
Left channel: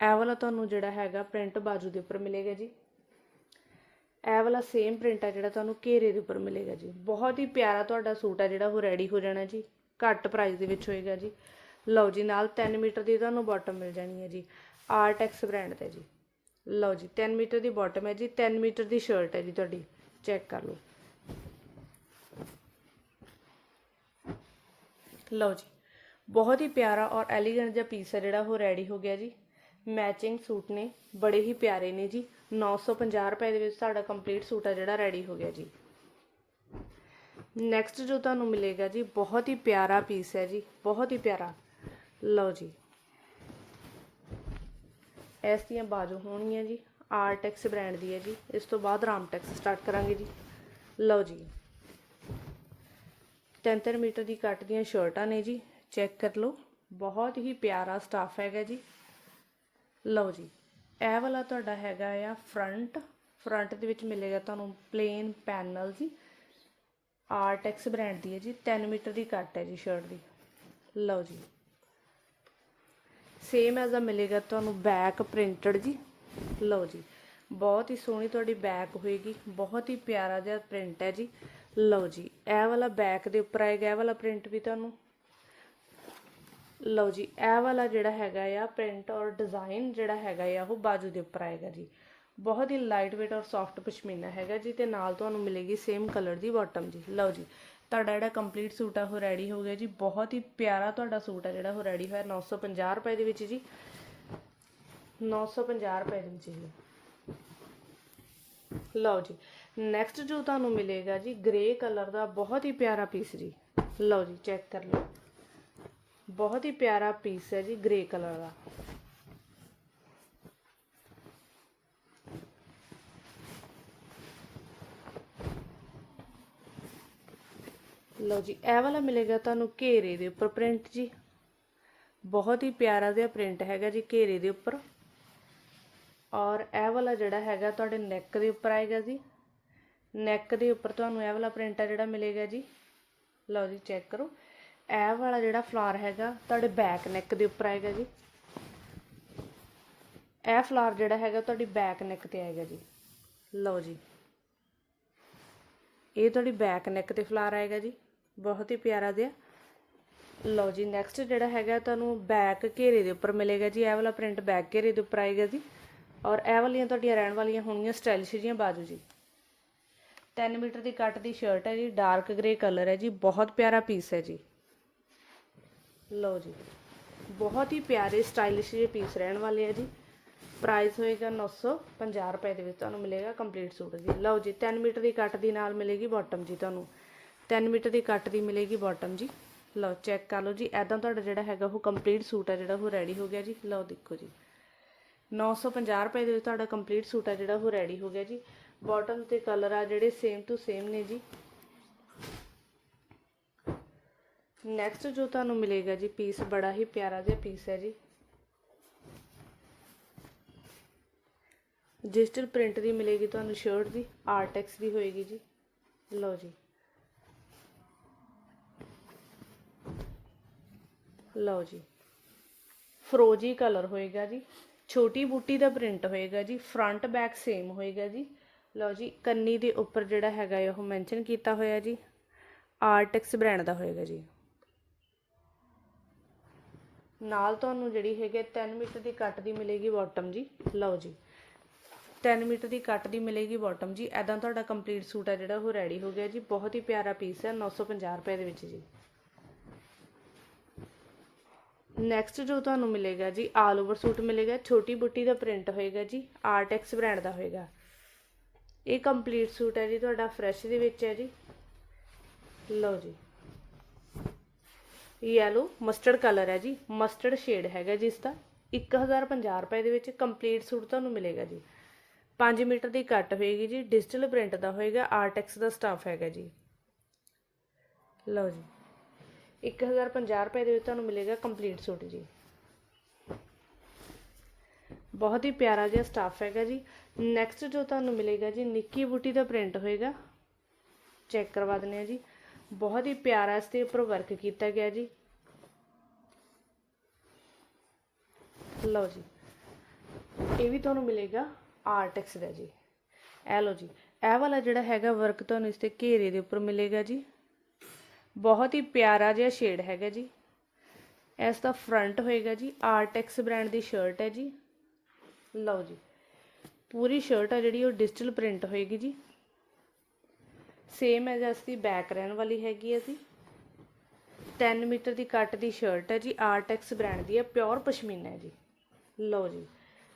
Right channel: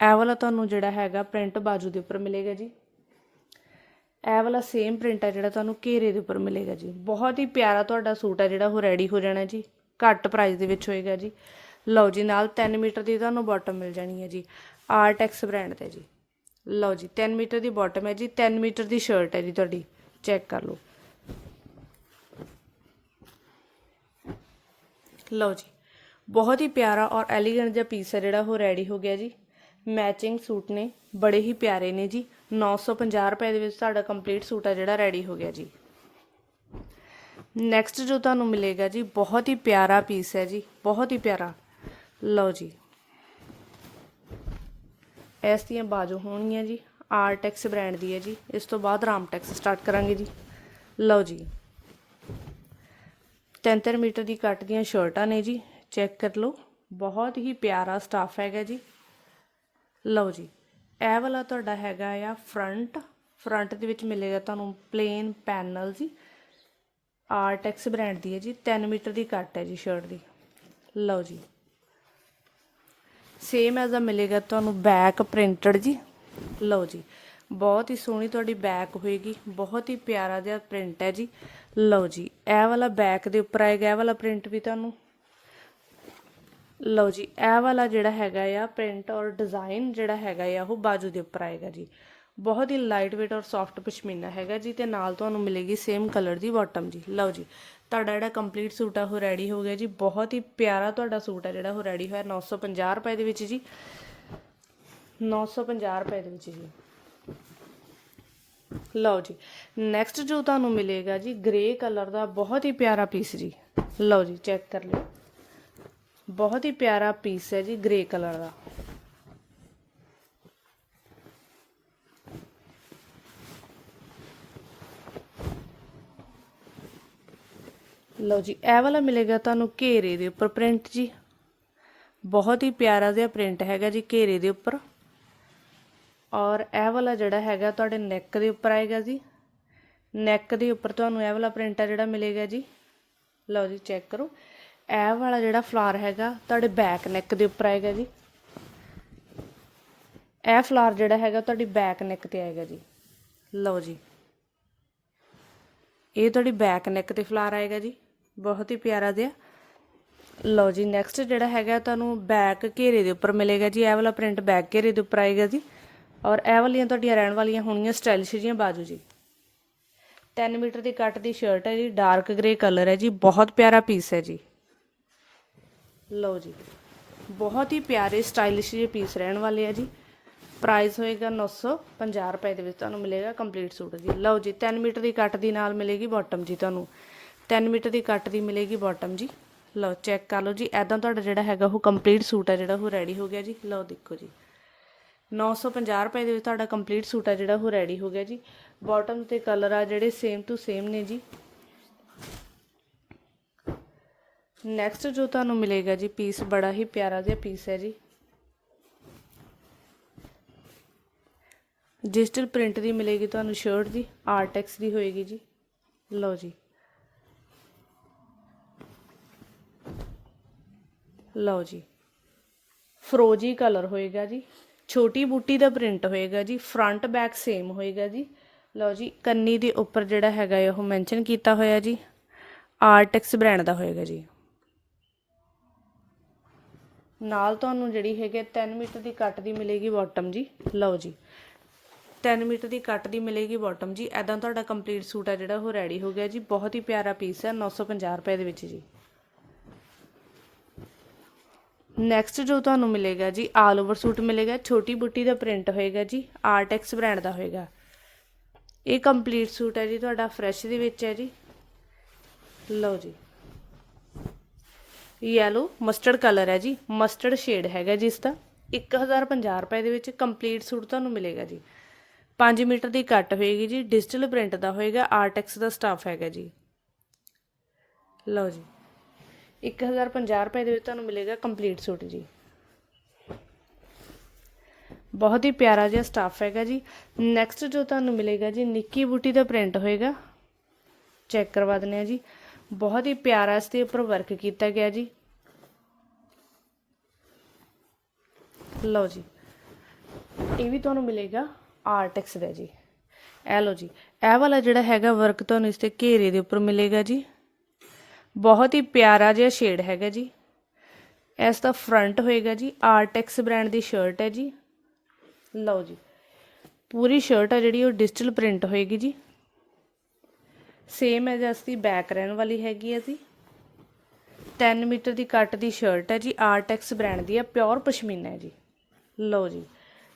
ਇਹ ਵਾਲਾ ਤੁਹਾਨੂੰ ਜਿਹੜਾ ਹੈਗਾ ਪ੍ਰਿੰਟ ਬਾਜੂ ਦੇ ਉੱਪਰ ਮਿਲੇਗਾ ਜੀ। ਇਹ ਵਾਲਾ ਸੇਮ ਪ੍ਰਿੰਟ ਹੈ ਜਿਹੜਾ ਤੁਹਾਨੂੰ ਘੇਰੇ ਦੇ ਉੱਪਰ ਮਿਲੇਗਾ ਜੀ। ਬਹੁਤ ਹੀ ਪਿਆਰਾ ਤੁਹਾਡਾ ਸੂਟ ਹੈ ਜਿਹੜਾ ਉਹ ਰੈਡੀ ਹੋ ਜਾਣਾ ਜੀ। ਘੱਟ ਪ੍ਰਾਈਸ ਦੇ ਵਿੱਚ ਹੋਏਗਾ ਜੀ। ਲਓ ਜੀ, ਨਾਲ 3 ਮੀਟਰ ਦੀ ਤੁਹਾਨੂੰ ਬਾਟਮ ਮਿਲ ਜਾਣੀ ਹੈ ਜੀ। ਆਰਟੈਕਸ ਬ੍ਰਾਂਡ ਤੇ ਜੀ। ਲਓ ਜੀ 3 ਮੀਟਰ ਦੀ ਬਾਟਮ ਹੈ ਜੀ 3 ਮੀਟਰ ਦੀ ਸ਼ਰਟ ਹੈ ਜੀ ਤੁਹਾਡੀ ਚੈੱਕ ਕਰ ਲਓ। ਲਓ ਜੀ, ਬਹੁਤ ਹੀ ਪਿਆਰਾ ਔਰ ਐਲੀਗੈਂਟ ਜਿਹਾ ਪੀਸ ਹੈ ਜਿਹੜਾ ਉਹ ਰੈਡੀ ਹੋ ਗਿਆ ਜੀ। ਮੈਚਿੰਗ ਸੂਟ ਨੇ, ਬੜੇ ਹੀ ਪਿਆਰੇ ਨੇ ਜੀ। 950 ਰੁਪਏ ਦੇ ਵਿੱਚ ਤੁਹਾਡਾ ਕੰਪਲੀਟ ਸੂਟ ਆ ਜਿਹੜਾ ਰੈਡੀ ਹੋ ਗਿਆ ਜੀ। ਨੈਕਸਟ ਜੋ ਤੁਹਾਨੂੰ ਮਿਲੇਗਾ ਜੀ, ਬਹੁਤ ਹੀ ਪਿਆਰਾ ਪੀਸ ਹੈ ਜੀ, ਬਹੁਤ ਹੀ ਪਿਆਰਾ। ਲਓ ਜੀ ਇਸ ਦੀਆਂ ਬਾਜੂ ਹੋਣਗੀਆਂ ਜੀ ਆਰਟੈਕਸ ਬ੍ਰਾਂਡ ਦੀ ਹੈ ਜੀ। ਇਸ ਤੋਂ ਬਾਅਦ ਰਾਮਟੈਕਸ ਸਟਾਰਟ ਕਰਾਂਗੇ ਜੀ। ਲਓ ਜੀ। 3 ਮੀਟਰ ਦੀ ਕੱਟ ਦੀਆਂ ਸ਼ਰਟਾਂ ਨੇ ਜੀ, ਚੈੱਕ ਕਰ ਲਓ। ਬਹੁਤ ਹੀ ਪਿਆਰਾ ਸਟਾਫ ਹੈਗਾ ਜੀ। ਲਓ ਜੀ। ਇਹ ਵਾਲਾ ਤੁਹਾਡਾ ਹੈਗਾ ਆ ਫਰੰਟ। ਫਰੰਟ ਦੇ ਵਿੱਚ ਮਿਲੇਗਾ ਤੁਹਾਨੂੰ ਪਲੇਨ ਪੈਨਲ ਜੀ। ਆਰਟੈਕਸ ਬ੍ਰਾਂਡ ਦੀ ਹੈ ਜੀ। 3 ਮੀਟਰ ਦੀ ਕੱਟ ਹੈ ਜੀ ਸ਼ਰਟ ਦੀ। ਲਓ ਜੀ। ਸੇਮ ਐਜ਼ ਦਾ ਮਿਲੇਗਾ ਤੁਹਾਨੂੰ ਬੈਕ ਪ੍ਰਿੰਟਡ ਜੀ। ਲਓ ਜੀ, ਬਹੁਤ ਹੀ ਸੋਹਣੀ ਤੁਹਾਡੀ ਬੈਕ ਹੋਏਗੀ, ਬਹੁਤ ਹੀ ਪਿਆਰਾ ਜਿਹਾ ਪ੍ਰਿੰਟ ਹੈ ਜੀ। ਲਓ ਜੀ, ਇਹ ਵਾਲਾ ਬੈਕ ਦੇ ਉੱਪਰ ਆਏਗਾ, ਇਹ ਵਾਲਾ ਪ੍ਰਿੰਟ ਵੀ ਤੁਹਾਨੂੰ। ਲਓ ਜੀ, ਇਹ ਵਾਲਾ ਜਿਹੜਾ ਹੈਗਾ ਆ ਪ੍ਰਿੰਟ ਔਰ ਡਿਜ਼ਾਈਨ ਜਿਹੜਾ ਹੈਗਾ ਆ, ਉਹ ਬਾਜੂ ਦੇ ਉੱਪਰ ਆਏਗਾ ਜੀ। ਬਹੁਤ ਹੀ ਲਾਈਟ weight ਔਰ ਸੌਫਟ ਪਸ਼ਮੀਨਾ ਹੈਗਾ ਜੀ, ਤੇ ਨਾਲ ਤੁਹਾਨੂੰ ਮਿਲੇਗੀ ਸੇਮ ਕਲਰ ਦੀ ਬਾਟਮ ਜੀ। ਲਓ ਜੀ ਤੁਹਾਡਾ ਜਿਹੜਾ ਕੰਪਲੀਟ ਸੂਟ ਆ, ਉਹ ਰੈਡੀ ਹੋ ਗਿਆ ਜੀ। ਬਹੁਤ ਹੀ ਪਿਆਰਾ ਤੁਹਾਡਾ ਸੂਟ ਆ ਜਿਹੜਾ, ਉਹ ਰੈਡੀ ਹੋਇਆ 950 ਰੁਪਏ ਦੇ ਵਿੱਚ ਜੀ। 950 ਰੁਪਏ ਦੇ ਵਿੱਚ ਜੀ। ਲਓ ਜੀ ਨੈਕਸਟ ਜੋ ਤੁਹਾਨੂੰ ਮਿਲੇਗਾ ਜੀ ਗ੍ਰੇ ਕਲਰ ਦਾ ਬਹੁਤ ਹੀ ਪਿਆਰਾ ਪੀਸ ਜੀ। ਲਓ ਜੀ ਚੈੱਕ ਕਰ ਲਓ। ਬਹੁਤ ਹੀ ਪਿਆਰਾ ਪੀਸ ਹੈ ਜੀ ਗ੍ਰੇ ਕਲਰ ਦਾ। ਲਓ ਜੀ, ਇਹ ਵਾਲਾ ਮਿਲੇਗਾ ਤੁਹਾਨੂੰ ਘੇਰੇ ਦੇ ਉੱਪਰ ਪ੍ਰਿੰਟ ਜੀ। ਬਹੁਤ ਹੀ ਪਿਆਰਾ ਜਿਹਾ ਪ੍ਰਿੰਟ ਹੈਗਾ ਜੀ ਘੇਰੇ ਦੇ ਉੱਪਰ। ਔਰ ਇਹ ਵਾਲਾ ਜਿਹੜਾ ਹੈਗਾ ਤੁਹਾਡੇ ਨੈਕ ਦੇ ਉੱਪਰ ਆਏਗਾ ਜੀ। ਨੈਕ ਦੇ ਉੱਪਰ ਤੁਹਾਨੂੰ ਇਹ ਵਾਲਾ ਪ੍ਰਿੰਟ ਆ ਜਿਹੜਾ ਮਿਲੇਗਾ ਜੀ। ਲਓ ਜੀ ਚੈੱਕ ਕਰੋ। ਇਹ ਵਾਲਾ ਜਿਹੜਾ ਫਲਾਰ ਹੈਗਾ ਤੁਹਾਡੇ ਬੈਕ ਨੈਕ ਦੇ ਉੱਪਰ ਆਏਗਾ ਜੀ। ਇਹ ਫਲਾਰ ਜਿਹੜਾ ਹੈਗਾ ਤੁਹਾਡੀ ਬੈਕ ਨੈਕ ਤੇ ਆਏਗਾ ਜੀ। ਲਓ ਜੀ। ਇਹ ਤੁਹਾਡੀ ਬੈਕ ਨੈਕ ਤੇ ਫਲਾਰ ਆਏਗਾ ਜੀ। ਬਹੁਤ ਹੀ ਪਿਆਰਾ ਜਿਹਾ। ਲਓ ਜੀ ਨੈਕਸਟ ਜਿਹੜਾ ਹੈਗਾ ਤੁਹਾਨੂੰ ਬੈਕ ਘੇਰੇ ਦੇ ਉੱਪਰ ਮਿਲੇਗਾ ਜੀ। ਇਹ ਵਾਲਾ ਪ੍ਰਿੰਟ ਬੈਕ ਘੇਰੇ ਦੇ ਉੱਪਰ ਆਏਗਾ ਜੀ। ਔਰ ਇਹ ਵਾਲੀਆਂ ਤੁਹਾਡੀਆਂ ਰਹਿਣ ਵਾਲੀਆਂ ਹੋਣਗੀਆਂ ਸਟਾਈਲਿਸ਼ ਜੀਆਂ ਬਾਜੂ ਜੀ। 3 ਮੀਟਰ ਦੀ ਕੱਟ ਦੀ ਸ਼ਰਟ ਹੈ ਜੀ ਡਾਰਕ ਗ੍ਰੇ ਕਲਰ ਹੈ ਜੀ। ਬਹੁਤ ਪਿਆਰਾ ਪੀਸ ਹੈ ਜੀ। ਲਓ ਜੀ, ਬਹੁਤ ਹੀ ਪਿਆਰੇ ਸਟਾਈਲਿਸ਼ ਜਿਹੇ ਪੀਸ ਰਹਿਣ ਵਾਲੇ ਆ ਜੀ। ਪ੍ਰਾਈਸ ਹੋਏਗਾ 950 ਰੁਪਏ ਦੇ ਵਿੱਚ ਤੁਹਾਨੂੰ ਮਿਲੇਗਾ ਕੰਪਲੀਟ ਸੂਟ ਜੀ। ਲਓ ਜੀ 3 ਮੀਟਰ ਦੀ ਕੱਟ ਦੀ ਨਾਲ ਮਿਲੇਗੀ ਬਾਟਮ ਜੀ ਤੁਹਾਨੂੰ। 3 ਮੀਟਰ ਦੀ ਕੱਟ ਦੀ ਮਿਲੇਗੀ ਬਾਟਮ ਜੀ। ਲਓ ਚੈੱਕ ਕਰ ਲਓ ਜੀ। ਐਦਾਂ ਤੁਹਾਡਾ ਜਿਹੜਾ ਹੈਗਾ ਉਹ ਕੰਪਲੀਟ ਸੂਟ ਆ ਜਿਹੜਾ ਉਹ ਰੈਡੀ ਹੋ ਗਿਆ ਜੀ। ਲਓ, ਦੇਖੋ ਜੀ। 950 ਰੁਪਏ ਦੇ ਵਿੱਚ ਤੁਹਾਡਾ ਕੰਪਲੀਟ ਸੂਟ ਆ ਜਿਹੜਾ ਉਹ ਰੈਡੀ ਹੋ ਗਿਆ ਜੀ। ਬਾਟਮ ਤੇ ਕਲਰ ਆ ਜਿਹੜੇ ਸੇਮ ਟੂ ਸੇਮ ਨੇ ਜੀ। ਨੈਕਸਟ ਜੋ ਤੁਹਾਨੂੰ ਮਿਲੇਗਾ ਜੀ ਪੀਸ ਬੜਾ ਹੀ ਪਿਆਰਾ ਜਿਹਾ ਪੀਸ ਹੈ ਜੀ। ਡਿਜੀਟਲ ਪ੍ਰਿੰਟ ਦੀ ਮਿਲੇਗੀ ਤੁਹਾਨੂੰ ਸ਼ਰਟ ਦੀ ਆਰਟੈਕਸ ਦੀ ਹੋਏਗੀ ਜੀ। ਲਓ ਜੀ। ਲਓ ਜੀ। ਫਰੋਜੀ ਕਲਰ ਹੋਏਗਾ ਜੀ। ਛੋਟੀ ਬੂਟੀ ਦਾ ਪ੍ਰਿੰਟ ਹੋਏਗਾ ਜੀ। ਫਰੰਟ ਬੈਕ ਸੇਮ ਹੋਏਗਾ ਜੀ। ਲਓ ਜੀ, ਕੰਨੀ ਦੇ ਉੱਪਰ ਜਿਹੜਾ ਹੈਗਾ ਹੈ, ਉਹ ਮੈਂਸ਼ਨ ਕੀਤਾ ਹੋਇਆ ਜੀ। ਆਰਟੈਕਸ ਬ੍ਰਾਂਡ ਦਾ ਹੋਏਗਾ ਜੀ। ਨਾਲ ਤੁਹਾਨੂੰ ਜਿਹੜੀ ਹੈਗੇ 3 ਮੀਟਰ ਦੀ ਕੱਟ ਦੀ ਮਿਲੇਗੀ ਬਾਟਮ ਜੀ। ਲਓ ਜੀ। 3 ਮੀਟਰ ਦੀ ਕੱਟ ਦੀ ਮਿਲੇਗੀ ਬਾਟਮ ਜੀ। ਐਦਾਂ ਤੁਹਾਡਾ ਕੰਪਲੀਟ ਸੂਟ ਆ ਜਿਹੜਾ, ਉਹ ਰੈਡੀ ਹੋ ਗਿਆ ਜੀ। ਬਹੁਤ ਹੀ ਪਿਆਰਾ ਪੀਸ ਹੈ 950 ਰੁਪਏ ਦੇ ਵਿੱਚ ਜੀ। ਨੈਕਸਟ ਜੋ ਤੁਹਾਨੂੰ ਮਿਲੇਗਾ ਜੀ, ਆਲ ਓਵਰ ਸੂਟ ਮਿਲੇਗਾ, ਛੋਟੀ ਬੁੱਟੀ ਦਾ ਪ੍ਰਿੰਟ ਹੋਏਗਾ ਜੀ ਆਰਟੈਕਸ ਬ੍ਰਾਂਡ ਦਾ ਹੋਏਗਾ। ਇਹ ਕੰਪਲੀਟ ਸੂਟ ਹੈ ਜੀ, ਤੁਹਾਡਾ ਫਰੈਸ਼ ਦੇ ਵਿੱਚ ਹੈ ਜੀ। ਲਓ ਜੀ। ਯੈਲੋ ਮਸਟਰਡ ਕਲਰ ਹੈ ਜੀ ਮਸਟਰਡ ਸ਼ੇਡ ਹੈਗਾ ਜੀ ਇਸ ਦਾ 1050 ਰੁਪਏ ਦੇ ਵਿੱਚ ਕੰਪਲੀਟ ਸੂਟ ਤੁਹਾਨੂੰ ਮਿਲੇਗਾ ਜੀ। 5 ਮੀਟਰ ਦੀ ਕੱਟ ਹੋਏਗੀ ਜੀ ਡਿਜੀਟਲ ਪ੍ਰਿੰਟ ਦਾ ਹੋਏਗਾ ਆਰਟੈਕਸ ਦਾ ਸਟਾਫ ਹੈਗਾ ਜੀ। ਲਓ ਜੀ। 1050 ਰੁਪਏ ਦੇ ਵਿੱਚ ਤੁਹਾਨੂੰ ਮਿਲੇਗਾ ਕੰਪਲੀਟ ਸੂਟ ਜੀ। ਬਹੁਤ ਹੀ ਪਿਆਰਾ ਜਿਹਾ ਸਟਾਫ ਹੈਗਾ ਜੀ। ਨੈਕਸਟ ਜੋ ਤੁਹਾਨੂੰ ਮਿਲੇਗਾ ਜੀ ਨਿੱਕੀ ਬੂਟੀ ਦਾ ਪ੍ਰਿੰਟ ਹੋਏਗਾ। ਚੈੱਕ ਕਰਵਾ ਦਿੰਦੇ ਆ ਜੀ। ਬਹੁਤ ਹੀ ਪਿਆਰਾ ਇਸ ਦੇ ਉੱਪਰ ਵਰਕ ਕੀਤਾ ਗਿਆ ਜੀ। ਲਓ ਜੀ। ਇਹ ਵੀ ਤੁਹਾਨੂੰ ਮਿਲੇਗਾ ਆਰਟੈਕਸ ਦਾ ਜੀ। ਇਹ ਲਓ ਜੀ। ਇਹ ਵਾਲਾ ਜਿਹੜਾ ਹੈਗਾ ਵਰਕ ਤੁਹਾਨੂੰ ਇਸ ਤੇ ਘੇਰੇ ਦੇ ਉੱਪਰ ਮਿਲੇਗਾ ਜੀ। ਬਹੁਤ ਹੀ ਪਿਆਰਾ ਜਿਹਾ ਸ਼ੇਡ ਹੈਗਾ ਜੀ। ਇਸ ਦਾ ਫਰੰਟ ਹੋਏਗਾ ਜੀ ਆਰਟੈਕਸ ਬ੍ਰਾਂਡ ਦੀ ਸ਼ਰਟ ਹੈ ਜੀ। ਲਓ ਜੀ, ਪੂਰੀ ਸ਼ਰਟ ਹੈ ਜਿਹੜੀ, ਉਹ ਡਿਜੀਟਲ ਪ੍ਰਿੰਟ ਹੋਏਗੀ ਜੀ। ਸੇਮ ਹੈ ਜਸ ਦੀ ਬੈਕ ਰਹਿਣ ਵਾਲੀ ਹੈਗੀ ਹੈ ਜੀ। 3 ਮੀਟਰ ਦੀ ਕੱਟ ਦੀ ਸ਼ਰਟ ਹੈ ਜੀ ਆਰਟੈਕਸ ਬ੍ਰਾਂਡ ਦੀ ਹੈ ਪਿਓਰ ਪਸ਼ਮੀਨਾ ਹੈ ਜੀ। ਲਓ ਜੀ,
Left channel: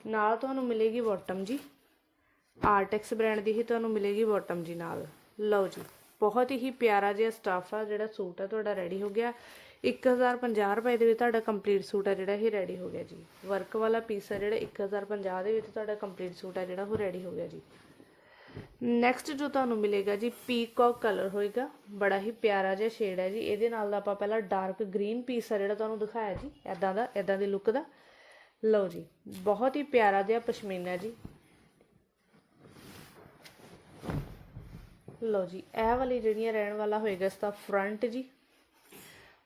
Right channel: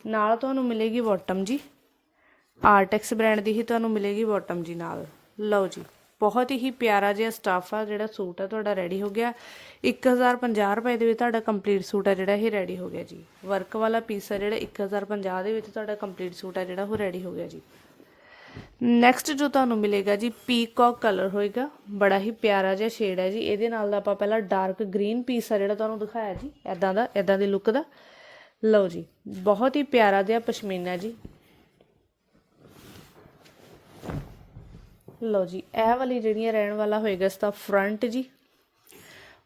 ਨਾਲ ਤੁਹਾਨੂੰ ਮਿਲੇਗੀ ਬਾਟਮ ਜੀ। ਆਰਟੈਕਸ ਬ੍ਰਾਂਡ ਦੀ ਹੀ ਤੁਹਾਨੂੰ ਮਿਲੇਗੀ ਬਾਟਮ ਜੀ ਨਾਲ। ਲਓ ਜੀ ਬਹੁਤ ਹੀ ਪਿਆਰਾ ਜਿਹਾ ਸਟਾਫ ਆ, ਜਿਹੜਾ ਸੂਟ ਆ, ਤੁਹਾਡਾ ਰੈਡੀ ਹੋ ਗਿਆ। 1050 ਰੁਪਏ ਦੇ ਵਿੱਚ ਤੁਹਾਡਾ ਕੰਪਲੀਟ ਸੂਟ ਆ, ਜਿਹੜਾ ਇਹ ਰੈਡੀ ਹੋ ਗਿਆ ਜੀ। ਵਰਕ ਵਾਲਾ ਪੀਸ ਆ ਜਿਹੜਾ 1050 ਦੇ ਵਿੱਚ ਤੁਹਾਡਾ ਕੰਪਲੀਟ ਸੂਟ ਆ, ਜਿਹੜਾ ਉਹ ਰੈਡੀ ਹੋ ਗਿਆ ਜੀ। ਨੈਕਸਟ ਜੋ ਤੁਹਾਨੂੰ ਮਿਲੇਗਾ ਜੀ ਪੀਕੌਕ ਕਲਰ ਹੋਏਗਾ। ਬੜਾ ਹੀ ਪਿਆਰਾ ਜਿਹਾ ਸ਼ੇਡ ਹੈ ਜੀ। ਇਹਦੇ ਨਾਲ ਦਾ ਆਪਾਂ ਪਹਿਲਾਂ ਡਾਰਕ ਗ੍ਰੀਨ ਪੀਸ ਆ ਜਿਹੜਾ ਤੁਹਾਨੂੰ ਦਿਖਾਇਆ ਜੀ ਐਦਾਂ ਦਾ ਐਦਾਂ ਦੀ ਲੁੱਕ ਦਾ। ਲਓ ਜੀ, ਬਹੁਤ ਹੀ ਪਿਆਰਾ ਜਿਹਾ ਪਸ਼ਮੀਨਾ ਜੀ। ਲਓ ਜੀ, ਇਹ ਵਾਲੀ ਜਿਹੜੀਆਂ ਰਹਿਣ ਵਾਲਾ ਹੋਏਗਾ ਇਸ ਦਾ ਫਰੰਟ ਜੀ।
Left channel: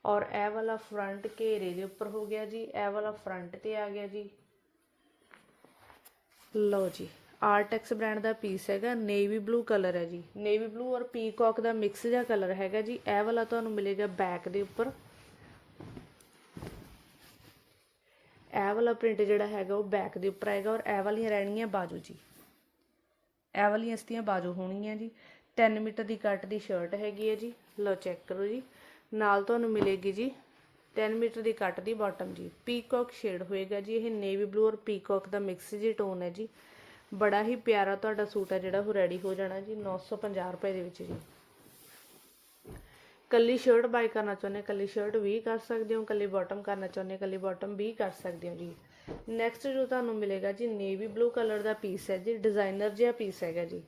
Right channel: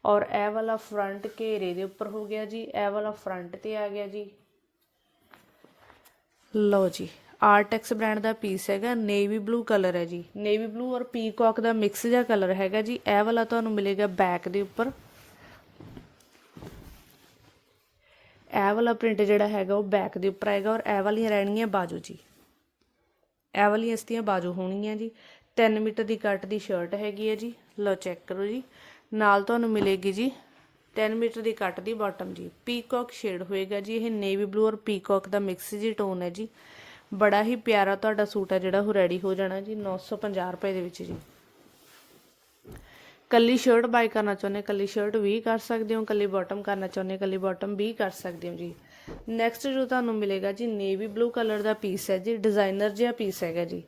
ਔਰ ਇਹ ਵਾਲਾ ਫਰੰਟ ਘੇਰੇ ਦੇ ਉੱਪਰ ਹੋ ਗਿਆ ਜੀ, ਇਹ ਵਾਲਾ ਫਰੰਟ ਤੇ ਆ ਗਿਆ ਜੀ। ਲਓ ਜੀ ਆਰਟੈਕਸ ਬ੍ਰਾਂਡ ਦਾ ਪੀਸ ਹੈਗਾ ਨੇਵੀ ਬਲੂ ਕਲਰ ਹੈ ਜੀ। ਨੇਵੀ ਬਲੂ ਔਰ ਪੀਕੌਕ ਦਾ ਮਿਕਸ ਜਿਹਾ ਕਲਰ ਹੈਗਾ ਜੀ, ਇਹ ਵਾਲਾ ਤੁਹਾਨੂੰ ਮਿਲੇਗਾ ਬੈਕ ਦੇ ਉੱਪਰ। ਇਹ ਵਾਲਾ ਪ੍ਰਿੰਟ ਜਿਹੜਾ ਹੈਗਾ ਉਹ ਬੈਕ ਦੇ ਉੱਪਰ ਆਏਗਾ ਔਰ ਇਹ ਵਾਲੀਆਂ ਰਹਿਣਗੀਆਂ ਬਾਜੂ ਜੀ। ਇਹ ਵਾਲੀਆਂ ਇਸ ਦੀਆਂ ਬਾਜੂ ਹੋਣਗੀਆਂ ਜੀ। 3 ਮੀਟਰ ਦੀ ਕੱਟ ਦੀ ਸ਼ਰਟ ਹੈਗੀ ਹੈ ਜੀ। ਲਓ ਚੈੱਕ ਕਰੋ ਜੀ। ਨਾਲ ਤੁਹਾਨੂੰ ਮਿਲੇਗੀ ਜੀ 10 ਮੀਟਰ ਦੀ ਕੱਟ ਦੀ ਬਾਟਮ ਜੀ। ਪੀਕੌਕ ਸ਼ੇਡ ਹੋਏਗਾ ਜੀ। ਇਹ ਨੇਵੀ ਬਲੂ ਔਰ ਪੀਕੌਕ ਦਾ ਮਿਕਸ ਜੀ ਟੋਨ ਹੈ ਜੀ। ਬੜਾ ਹੀ ਪਿਆਰਾ ਤੁਹਾਡਾ ਸੂਟ ਹੈ ਜਿਹੜਾ, ਉਹ ਰੈਡੀ ਹੋ ਜਾਣਾ ਜੀ। 950 ਰੁਪਏ ਦੇ ਵਿੱਚ ਜੀ। ਕੱਲੀ ਸ਼ਰਟ ਬਾਈ ਕਰਨਾ ਚਾਹੁੰਦੇ, ਕੱਲੀ ਸ਼ਰਟ ਵੀ ਕਰ ਸਕਦੇ ਹੋ, ਕੱਲੀ ਬਾਟਮ ਕਰਨਾ ਚਾਹੁੰਦੇ, ਕੱਲੀ ਬਾਟਮ ਵੀ ਕਰ ਸਕਦੇ ਹੋ ਜੀ। ਨੈਕਸਟ ਜੋ ਤੁਹਾਨੂੰ ਮਿਲੇਗਾ ਜੀ ਨੇਵੀ ਬਲੂ ਕਲਰ ਦਾ ਪੀਸ ਹੈ ਜੀ। ਡਿਜ਼ਾਈਨਰ ਜਿਹਾ ਪੀਸ ਹੈਗਾ ਜੀ।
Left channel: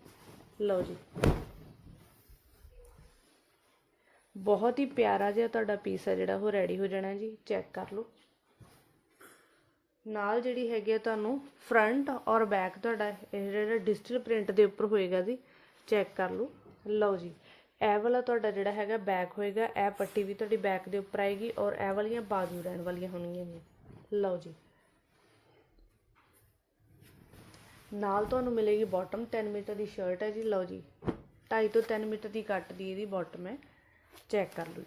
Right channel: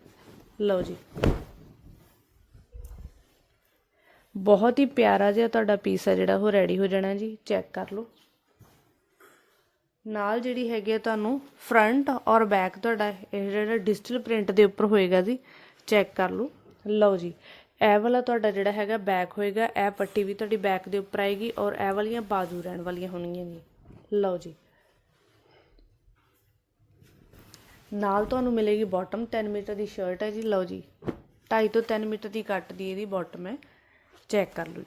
ਲਓ ਜੀ। ਬਹੁਤ ਹੀ ਪਿਆਰਾ ਜਿਹਾ ਤੁਹਾਡਾ ਪੀਸ ਹੈ ਜਿਹੜਾ, ਉਹ ਰੈਡੀ ਹੋ ਜਾਣਾ ਜੀ ਚੈੱਕ ਕਰ ਲਓ। ਨਾਲ ਜਿਹੜੀ ਹੈਗੀ ਹੈ ਤੁਹਾਨੂੰ ਫਰੰਟ ਔਰ ਬੈਕ ਤੁਹਾਡਾ, ਇਹ ਜਿਹੜਾ ਡਿਜੀਟਲ ਪ੍ਰਿੰਟ ਦੇ ਉੱਪਰ ਹੋਏਗਾ ਜੀ ਚੈੱਕ ਕਰ ਲਓ। ਲਓ ਜੀ, ਇਹ ਵਾਲਾ ਤੁਹਾਡਾ ਜਿਹੜਾ ਹੈਗਾ ਬੈਕ ਹੋਏਗਾ, ਇਹ ਪੱਟੀ ਵੀ ਤੁਹਾਡੀ ਬੈਕ ਦੇ ਉੱਪਰ ਆਏਗੀ ਔਰ ਇਹ ਵਾਲੀਆਂ ਬਾਜੂ ਰਹਿਣ ਵਾਲੀਆਂ ਹੋਣਗੀਆਂ ਜੀ। ਲਓ ਜੀ। ਨਾਲ ਤੁਹਾਨੂੰ ਮਿਲੇਗੀ ਬਾਟਮ 10 ਮੀਟਰ ਦੀ ਸ਼ਰਟ ਹੈ ਜੀ, ਲਓ ਜੀ। 2.5 ਤੋਂ 3 ਮੀਟਰ ਦੀ ਕੱਟ ਦੀ ਇਹਦੀ ਬਾਟਮ ਹੈ। ਚੈੱਕ ਕਰ ਲਓ ਜੀ।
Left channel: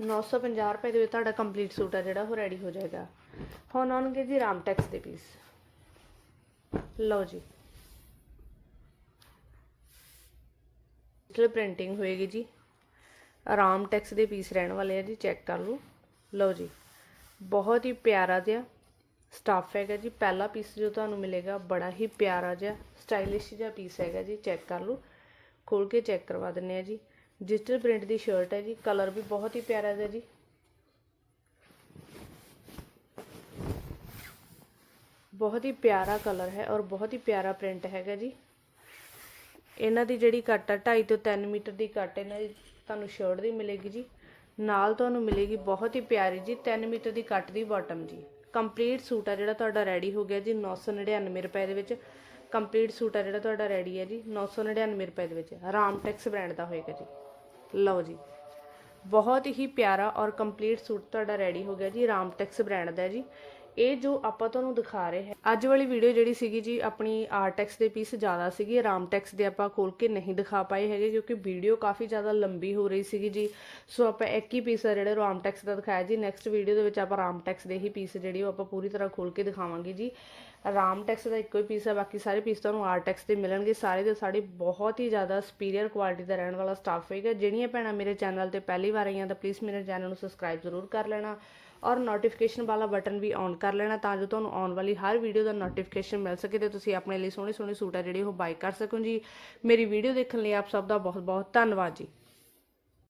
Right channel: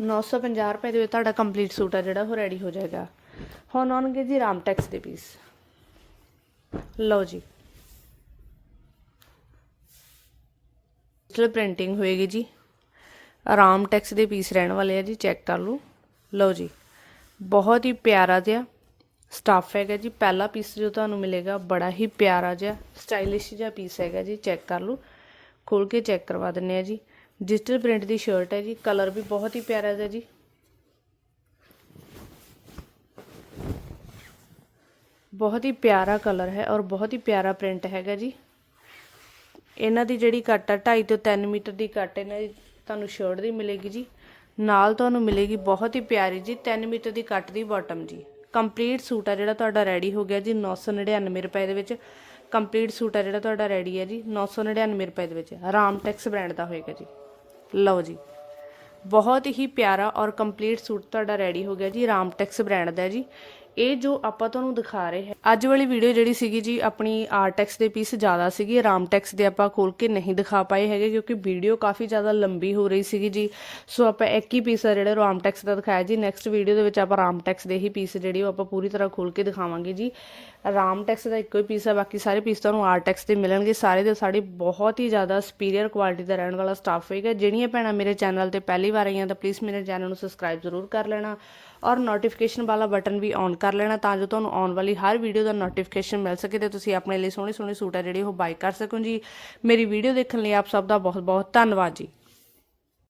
950 ਰੁਪਏ ਦੇ ਵਿੱਚ ਤੁਹਾਡਾ ਕੰਪਲੀਟ ਸੂਟ ਆ ਜਿਹੜਾ, ਉਹ ਰੈਡੀ ਹੋ ਜਾਏਗਾ। ਹੁਣ ਆਉਣਗੇ ਜੀ ਰਾਮਟੈਕਸ ਦੇ ਪੀਸ ਲਓ ਜੀ। ਡਿਜੀਟਲ ਪ੍ਰਿੰਟਿੰਗ ਹੋਏਗੀ ਜੀ। ਆਰਾਮ ਟੈਕਸ ਦੇ ਪੀਸ ਰਹਿਣ ਵਾਲੇ ਆ ਜੀ ਚੈੱਕ ਕਰ ਲਓ। ਲਓ ਜੀ। ਬਹੁਤ ਹੀ ਪਿਆਰਾ ਜਿਹਾ ਸਟਾਫ ਹੈਗਾ ਜੀ। ਪਹਿਲਾ ਪੀਸ ਜੋ ਤੁਹਾਨੂੰ ਮਿਲੇਗਾ, ਬੜਾ ਹੀ ਪਿਆਰਾ ਜਿਹਾ ਸਟਾਈਲਿਸ਼ ਜਿਹਾ ਪੀਸ ਹੈਗਾ ਜੀ ਚੈੱਕ ਕਰ ਲਓ। ਖੋਲ ਕੇ ਚੈੱਕ ਕਰਵਾ ਦਿੰਨੇ ਆ ਜੀ। ਡਿਜੀਟਲ ਪ੍ਰਿੰਟ ਦੀ ਸ਼ਰਟ ਹੈ ਜੀ ਕਲਰ ਵੀ ਬਹੁਤ ਹੀ ਪਿਆਰਾ ਹੈ ਜੀ। ਬਹੁਤ ਹੀ ਪਿਆਰਾ ਕਲਰ ਹੈ ਔਰ ਬਹੁਤ ਹੀ ਪਿਆਰਾ ਪ੍ਰਿੰਟ ਹੈਗਾ ਜੀ। ਇਹਨਾਂ ਦੀ ਜਿਹੜੀ ਕੱਟ ਆ 2.5 ਤੋਂ 3 ਮੀਟਰ ਦੀ ਕੱਟ ਇਹਨਾਂ ਦੀ ਤੁਹਾਨੂੰ ਸ਼ਰਟ ਦੀ ਮਿਲੇਗੀ ਜੀ। ਨਾਲ ਤੁਹਾਨੂੰ ਮਿਲੇਗੀ ਬਹੁਤ ਹੀ ਪਿਆਰੀ ਜੀ 3 ਮੀਟਰ ਦੀ ਕੱਟ ਦੀ ਬਾਟਮ ਜੀ। ਕੰਪਲੀਟ ਸੂਟ ਆ ਜਿਹੜਾ ਤੁਹਾਡਾ ਰੈਡੀ ਹੋ ਗਿਆ ਜੀ 999 ਰੁਪਏ ਦੇ ਵਿੱਚ। ਕੰਪਲੀਟ ਸੂਟ ਆ ਜਿਹੜਾ ਤੁਹਾਡਾ ਰੈਡੀ ਹੈ ਜੀ 999 ਰੁਪਏ ਦੇ ਵਿੱਚ। ਰਾਮਟੈਕਸ ਬ੍ਰਾਂਡ ਦਾ ਹੋਏਗਾ ਜੀ। ਲਓ ਜੀ। ਬਹੁਤ ਹੀ ਪਿਆਰਾ ਔਰ ਕੰਪਲੀਟ ਸੂਟ ਤੁਹਾਡਾ ਰੈਡੀ ਹੋ ਗਿਆ ਜੀ ਰਾਮਟੈਕਸ ਬ੍ਰਾਂਡ ਦਾ ਜੀ। ਇਹ ਜੋ ਆਪਾਂ ਤੁਹਾਨੂੰ ਦਿਖਾ ਰਹੇ ਹੈ, ਅੱਜ ਵਾਲੀ ਵੀਡੀਓ ਜਿਹੜੀ ਸੀਗੀ ਜੀ, ਆਪਣੀ ਆਰਟੈਕਸ ਦੇ ਪੀਸ ਜ਼ਿਆਦਾ ਸੀਗੀ। ਰਾਮਟੈਕਸ ਦੇ ਆਪਾਂ ਖੋਲ ਕੇ ਨਹੀਂ ਦਿਖਾ ਪਾਏ ਹੈਗੇ, ਕਿਉਂਕਿ ਵੀਡੀਓ ਕਾਫੀ ਜ਼ਿਆਦਾ ਲੰਬੀ ਹੋ ਰਹੀ ਸੀਗੀ ਜੀ। ਸੋ ਆਪਾਂ ਇੱਕ ਹੀ ਪੀਸ ਆ ਜਿਹੜਾ ਰਾਮਟੈਕਸ ਦਾ ਦਿਖਾਇਆ ਜੀ। ਨੈਕਸਟ ਵੀਡੀਓ ਦੇ ਵਿੱਚ ਆਪਾਂ ਰਾਮਟੈਕਸ ਦੇ ਹੀ ਪੀਸ ਜਿਹੜੀ ਉਹ ਆਪਾਂ ਪੂਰੀ ਤਰ੍ਹਾਂ ਖੋਲ ਕੇ ਦਿਖਾਵਾਂਗੇ ਜੀ। ਰਾਮਟੈਕਸ ਦਾ ਇੱਕੋ ਹੀ ਪੀਸ ਹੈ, ਬਾਕੀ ਸਾਰੇ ਪੀਸ ਤੁਹਾਨੂੰ ਆਰ ਟੈਕਸ ਦੇ ਮਿਲਣਗੇ। ਸਾਰੇ ਦੇ ਸਾਰੇ ਬਹੁਤ ਹੀ ਜ਼ਿਆਦਾ ਸੁਪੀਰੀਅਰ ਕੁਆਲਿਟੀ ਦਾ ਰਹਿਣ ਵਾਲਾ ਸਟਾਫ ਹੋਏਗਾ। ਜਿਹੜੀਆਂ ਭੈਣਾਂ ਮੇਰੇ ਚੈਨਲ ਤੇ ਪਹਿਲੀ ਵਾਰ ਆਈਆਂ ਤਾਂ ਪਲੀਜ਼ ਮੇਰੇ ਚੈਨਲ ਨੂੰ ਸਬਸਕ੍ਰਾਈਬ ਜ਼ਰੂਰ ਕਰ ਲੈਣਾ ਔਰ ਨੋਟੀਫਿਕੇਸ਼ਨ ਵਾਲਾ ਬਟਨ ਵੀ ਔਨ ਕਰ ਲੈਣਾ ਤਾਂ ਜੋ ਤੁਹਾਨੂੰ ਆਉਣ ਵਾਲੀ ਹਰ ਵੀਡੀਓ ਦਾ ਨੋਟੀਫਿਕੇਸ਼ਨ ਮਿਲ ਸਕੇ ਤੇ ਤੁਸੀਂ ਆਪਣੇ ਲਈ ਸੋਹਣੇ ਸੋਹਣੇ ਸੂਟ ਆ ਜਿਹੜੇ ਉਹ ਬਾਈ ਕਰ ਸਕੋ ਜੀ। ਮੇਰੀ ਵੀਡੀਓ ਦੇਖਣ ਲਈ ਆਪ ਸਭ ਦਾ ਬਹੁਤ ਬਹੁਤ ਧੰਨਵਾਦ ਜੀ।